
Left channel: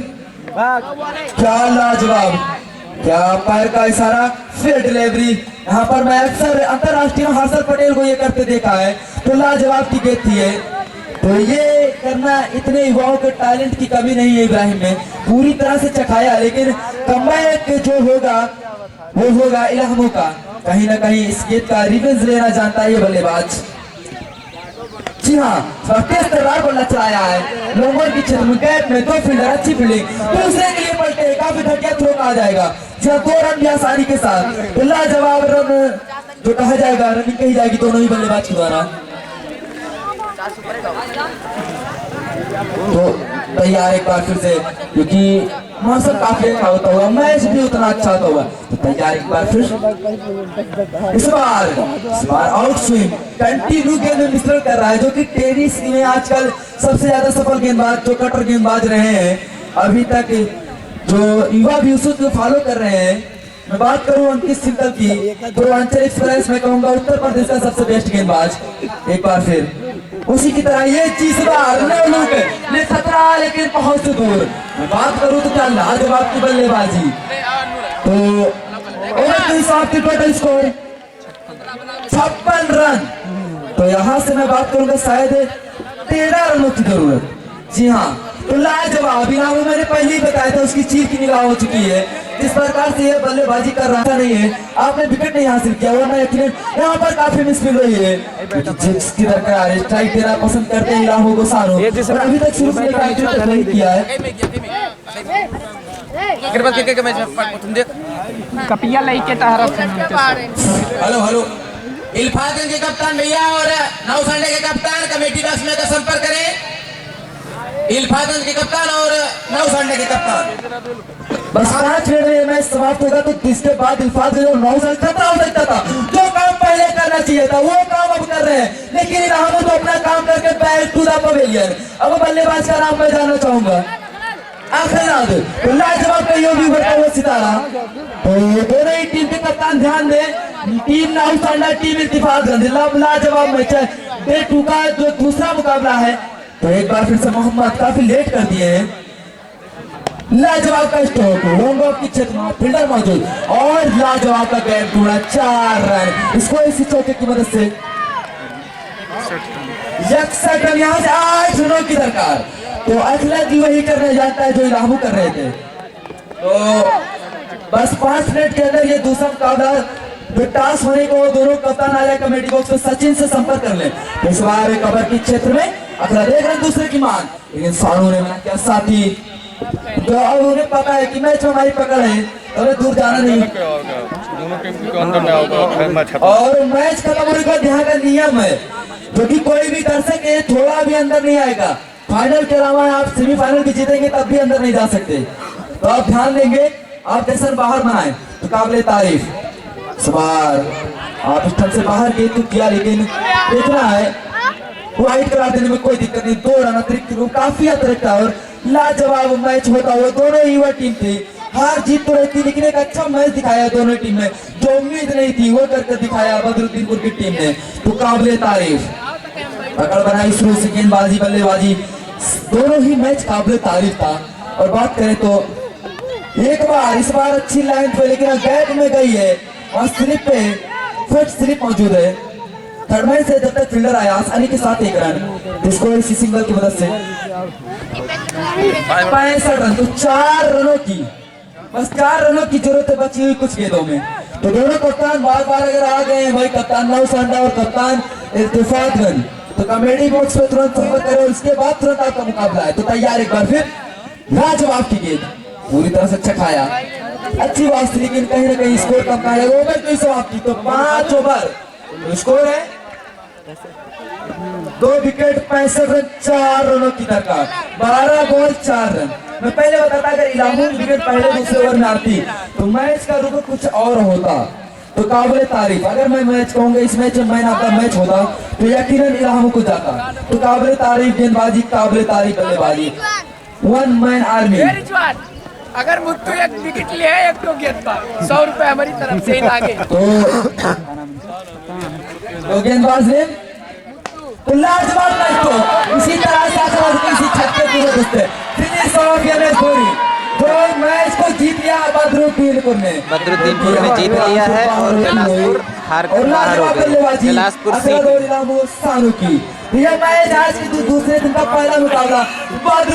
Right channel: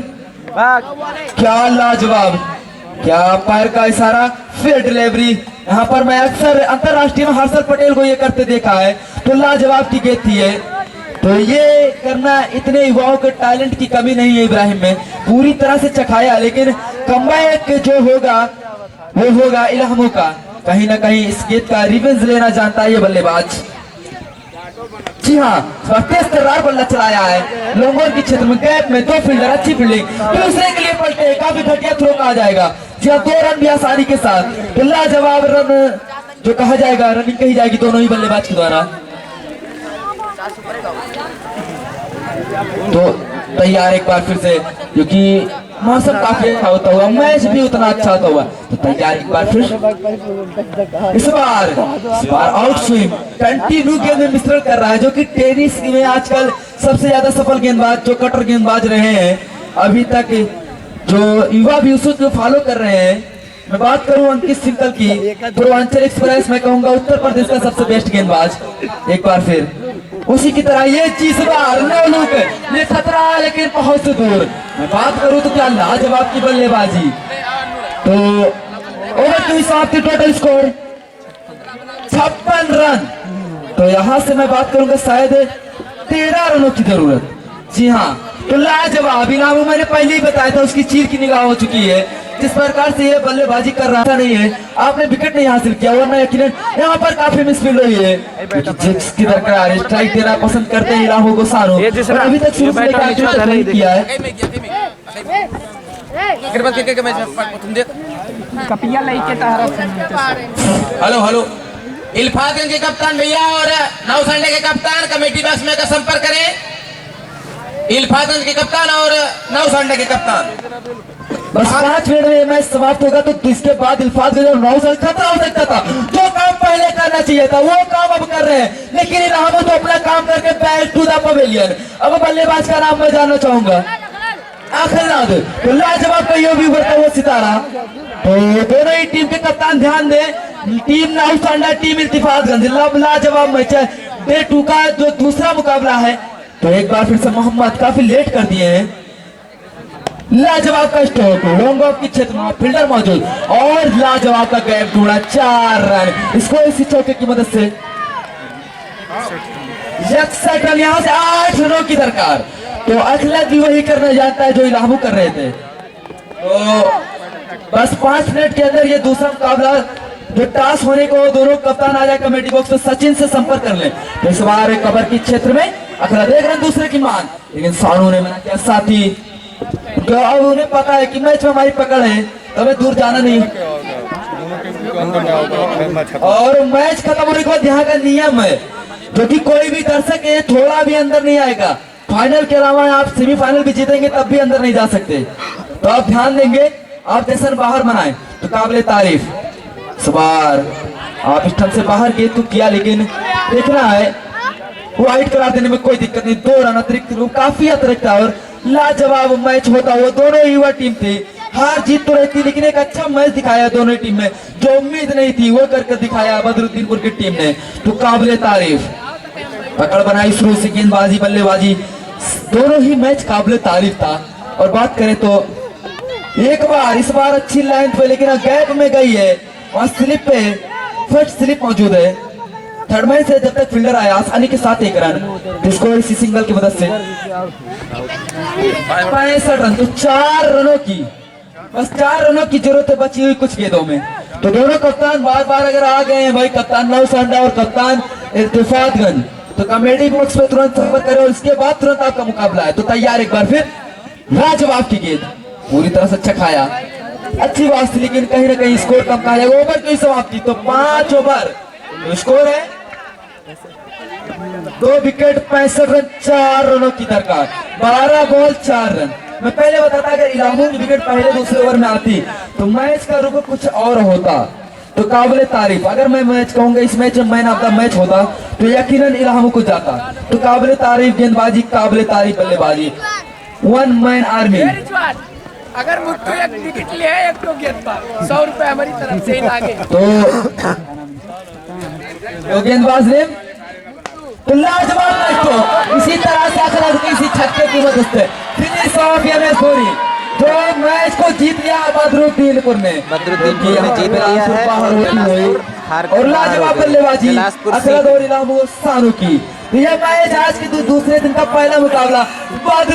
क्या लाजवाब, क्या अंपायर का इशारा, फिर डिलीवरी। यहाँ पर मैं अक्सर अंतरराष्ट्रीय में हर्षद पटेल को ये करते देखा है। तो लाजवाब की गेंद थी है, तो ये करना इतने युवाओं के टैलेंट की कमी नहीं है इब्राहिम में, पूरी तरह से चखाया। लेकिन कमबैक जो होगा वो होगा इलामू का, कहीं ना कहीं इस गेंद का रिवेंज लेना जानता है ये बल्लेबाज। जी हाँ, तेज तर्रार बल्ला चलाया है लोंगोर की क्षेत्र में, गैप में 2 फील्डर, अच्छी फील्डिंग, दूसरे के लिए पलटे, काफी घटिया थ्रो कहा जाएगा। जी हाँ, 2 रन भी आसानी के साथ। तो लाजवाब रन जो कहा जाएगा, रनिंग कही जाएगी दोनों ही बल्लेबाज के द्वारा। तो तैयार एक बार फिर से, क्योंकि मौसम काफी अच्छा होता हुआ, मैच भी उतना अच्छा होता हुआ, तो तैयार एक बार फिर। इस बार आउट स्विंग कंटिन्यू गेंद में मिश्रण कर रहा है, जो कि टेनिस में आजकल सबसे ज्यादा सफल गेंदबाज जो कटर गेंदबाज रहे हैं अभी तक, जो युवा भी उसको फॉलो कर रहे हैं। मैं बात करूं अंकित सिंगल की, पूर्वांचल एक्सप्रेस मैं कहूंगा उत्तर प्रदेश का सबसे बेस्ट गेंदबाज। एक बार फिर उसी की तरह ये चीज बार ये खतरा है लेकिन बहुत दूर। मैं बात करूं तो क्या लाजवाब की बल्लेबाजी। तो ओवर की समाप्ति, टोटल स्कोर 56 रन। तो यहाँ से मैं बात करूंगा शायद 13 रनों की जरूरत। जी हाँ, तो लाजवाब इनाम मैंने पहले ही बताया था, उसकी चीर की निगाह हो चुकी है। जिस प्रकार से ये बल्लेबाजी कर रहा था नहीं है, आपने विकेट नहीं हासिल किया, वरना यकीनन यहाँ पर काफी मिसफील्ड रही है, क्योंकि जिसकी दरकार स्ट्राइक देना पसंद करते हैं राहुल गोसानो, और अभी तक शुरू से लेकर नहीं किया है। हेलो इल्फातगंज के कप्तान भैया और नौसंडे के कप्तान कमेटी बॉक्स में का संपर्क करें। इल्फातगंज के कप्तान और नौसंडे के कप्तान। बस 5 मिनट में मैच समाप्त होगा, तो इसके बाद इल्फातगंज और नौसंड खतरा हो सकता था। जो काम पहले करना चाहिए था वो काम अब कर रहे हैं, लेकिन इनाम तो अपना काम करके बैक टू द पवेलियन। अब बल्लेबाज का नाम मैं जानना चाहूंगा, आखिर तो लाजवाब कहियो भी बढ़ता हुआ सितारा। तो दोनों ही टीम के कप्तान ध्यान दें, टीम नौसंडा टीम इल्फातगंज, लाजवाब मैच है। डे 2 का जो दूसरा मुकाबला है, तो एक बार फिर से मोहम्मद काफी लेट कर दिए हैं। लाजवाब का स्ट्रोक, लॉन्ग ऑफ की क्षेत्र में फील्डर मौजूद, और लाजवाब का गैप ढूंढा 4 रन। इसको इसी चौके की मदद से 61 रन, यहाँ से 8 रनों की दरकार। तो अखिलेश भी वही करना जानता है जो इलाहू कर रहे थे। तो बस 5 मिनट के अंदर ये दूसरा मुकाबला जो टास्क होने को, दोनों कप्तान आ जाए कमेटी बॉक्स में, सचिन से संपर्क कर ले। इस बार कवर की क्षेत्र में अखिलेश देख रहे दूसरे की मान, लेकिन सानू ने मना किया। साथी तो अब उन्हें पता है कि मैच में हमारी पकड़ है, तो हमें दूर जाना नहीं, और मैच खत्म होने के बाद यहाँ का नियम है, जो कि कोई भी दर्शक है थोड़ा भी अंदर नहीं आएगा। फाइनल के अलावा आप सेमीफाइनल भी जीतेंगे तब भी अंदर नहीं जा सकते। तो आप ध्यान देंगे, आप जैसे बाहर बनाए तो काबिले तारीफ। सवार आप स्टंप से बाहर गए तो किया, लेकिन देखना है वाइट करा देने में कोई दिक्कत नहीं। 2 रन अतिरिक्त काफी अतिरिक्त, और लाजवाब मैच होता हुआ दोनों युवा टीम थी। हार जीत तो रहती, लेकिन एक अच्छा मैच दिखाया दोनों टीम ने, जो उम्मीद नहीं थी वो करके दिखाया बदरुद्दीनपुर की टीम ने। तो काबिले तारीफ पकड़ बनाई शुरू से, गेंदबाजी बल्लेबाजी दोनों ही मैच काबिले तारीफ था। और बात करें तो एक बार इस बार अच्छी लाइन पे, लेकिन गैप में गई है, और स्लिप पे फर्स्ट स्लिप मौजूद है। थर्ड मैच से जब तक फील्डर आया आसानी के साथ 1 रन, जिसको इसी सिंगल की मदद से 65 रन। तो 4 रनों की, बस 4 रनों की जरूरत बची हुई कुछ गेंदों में। तो दोनों कप्तान बार बार अगर आ गए हैं भाई, कप्तान नौसंडा और कप्तान इल्फातगंज, तो कमेटी बॉक्स में तुरंत संपर्क करें, और इसके बाद तुरंत आपका मुकाबला है। तो तैयार एक बार फिर, लाजवाब की गेंद पूरी तरह से चखाया, अच्छी बात थी, लेकिन कहीं ना कहीं स्कोर कम का है। ओवर की समाप्ति, तो 5 ओवर स्कोर है 2 विकेट 65 रन, 4 रनों की दरकार, 12 बॉल 4 रन। मैं पहले बताता, अगर इलामू की विकेट पहले दूसरे ओवर में आती तो मैच का रुख कुछ और होता। तो काबिले तारीफ, अगर मैं मैच कहूंगा इस मैच में मैन ऑफ द मैच होता तो यकीनन इलामू को जाता। तो काबिले तारीफ गेंदबाजी, काबिले तारीफ बल्लेबाजी, 1 मैन आर्मी। अगर मुझको एक विकेट ले है, एक तो गेंदबाज 100 रुपए हमारी तरफ से लागे। तो गेंदबाज ने तो लाजवाब मैच, तो इसी तरह से इसी छक्के की मदद से फिनिश ऑफ एमएस धोनी, जो मैच को जीत लिया बदरुद्दीनपुर ने जीत लिया है, और लाजवाब बल्लेबाजी असद और इलामू सानू की। यह मैच आज के दूसरे दिन का पहला मुकाबला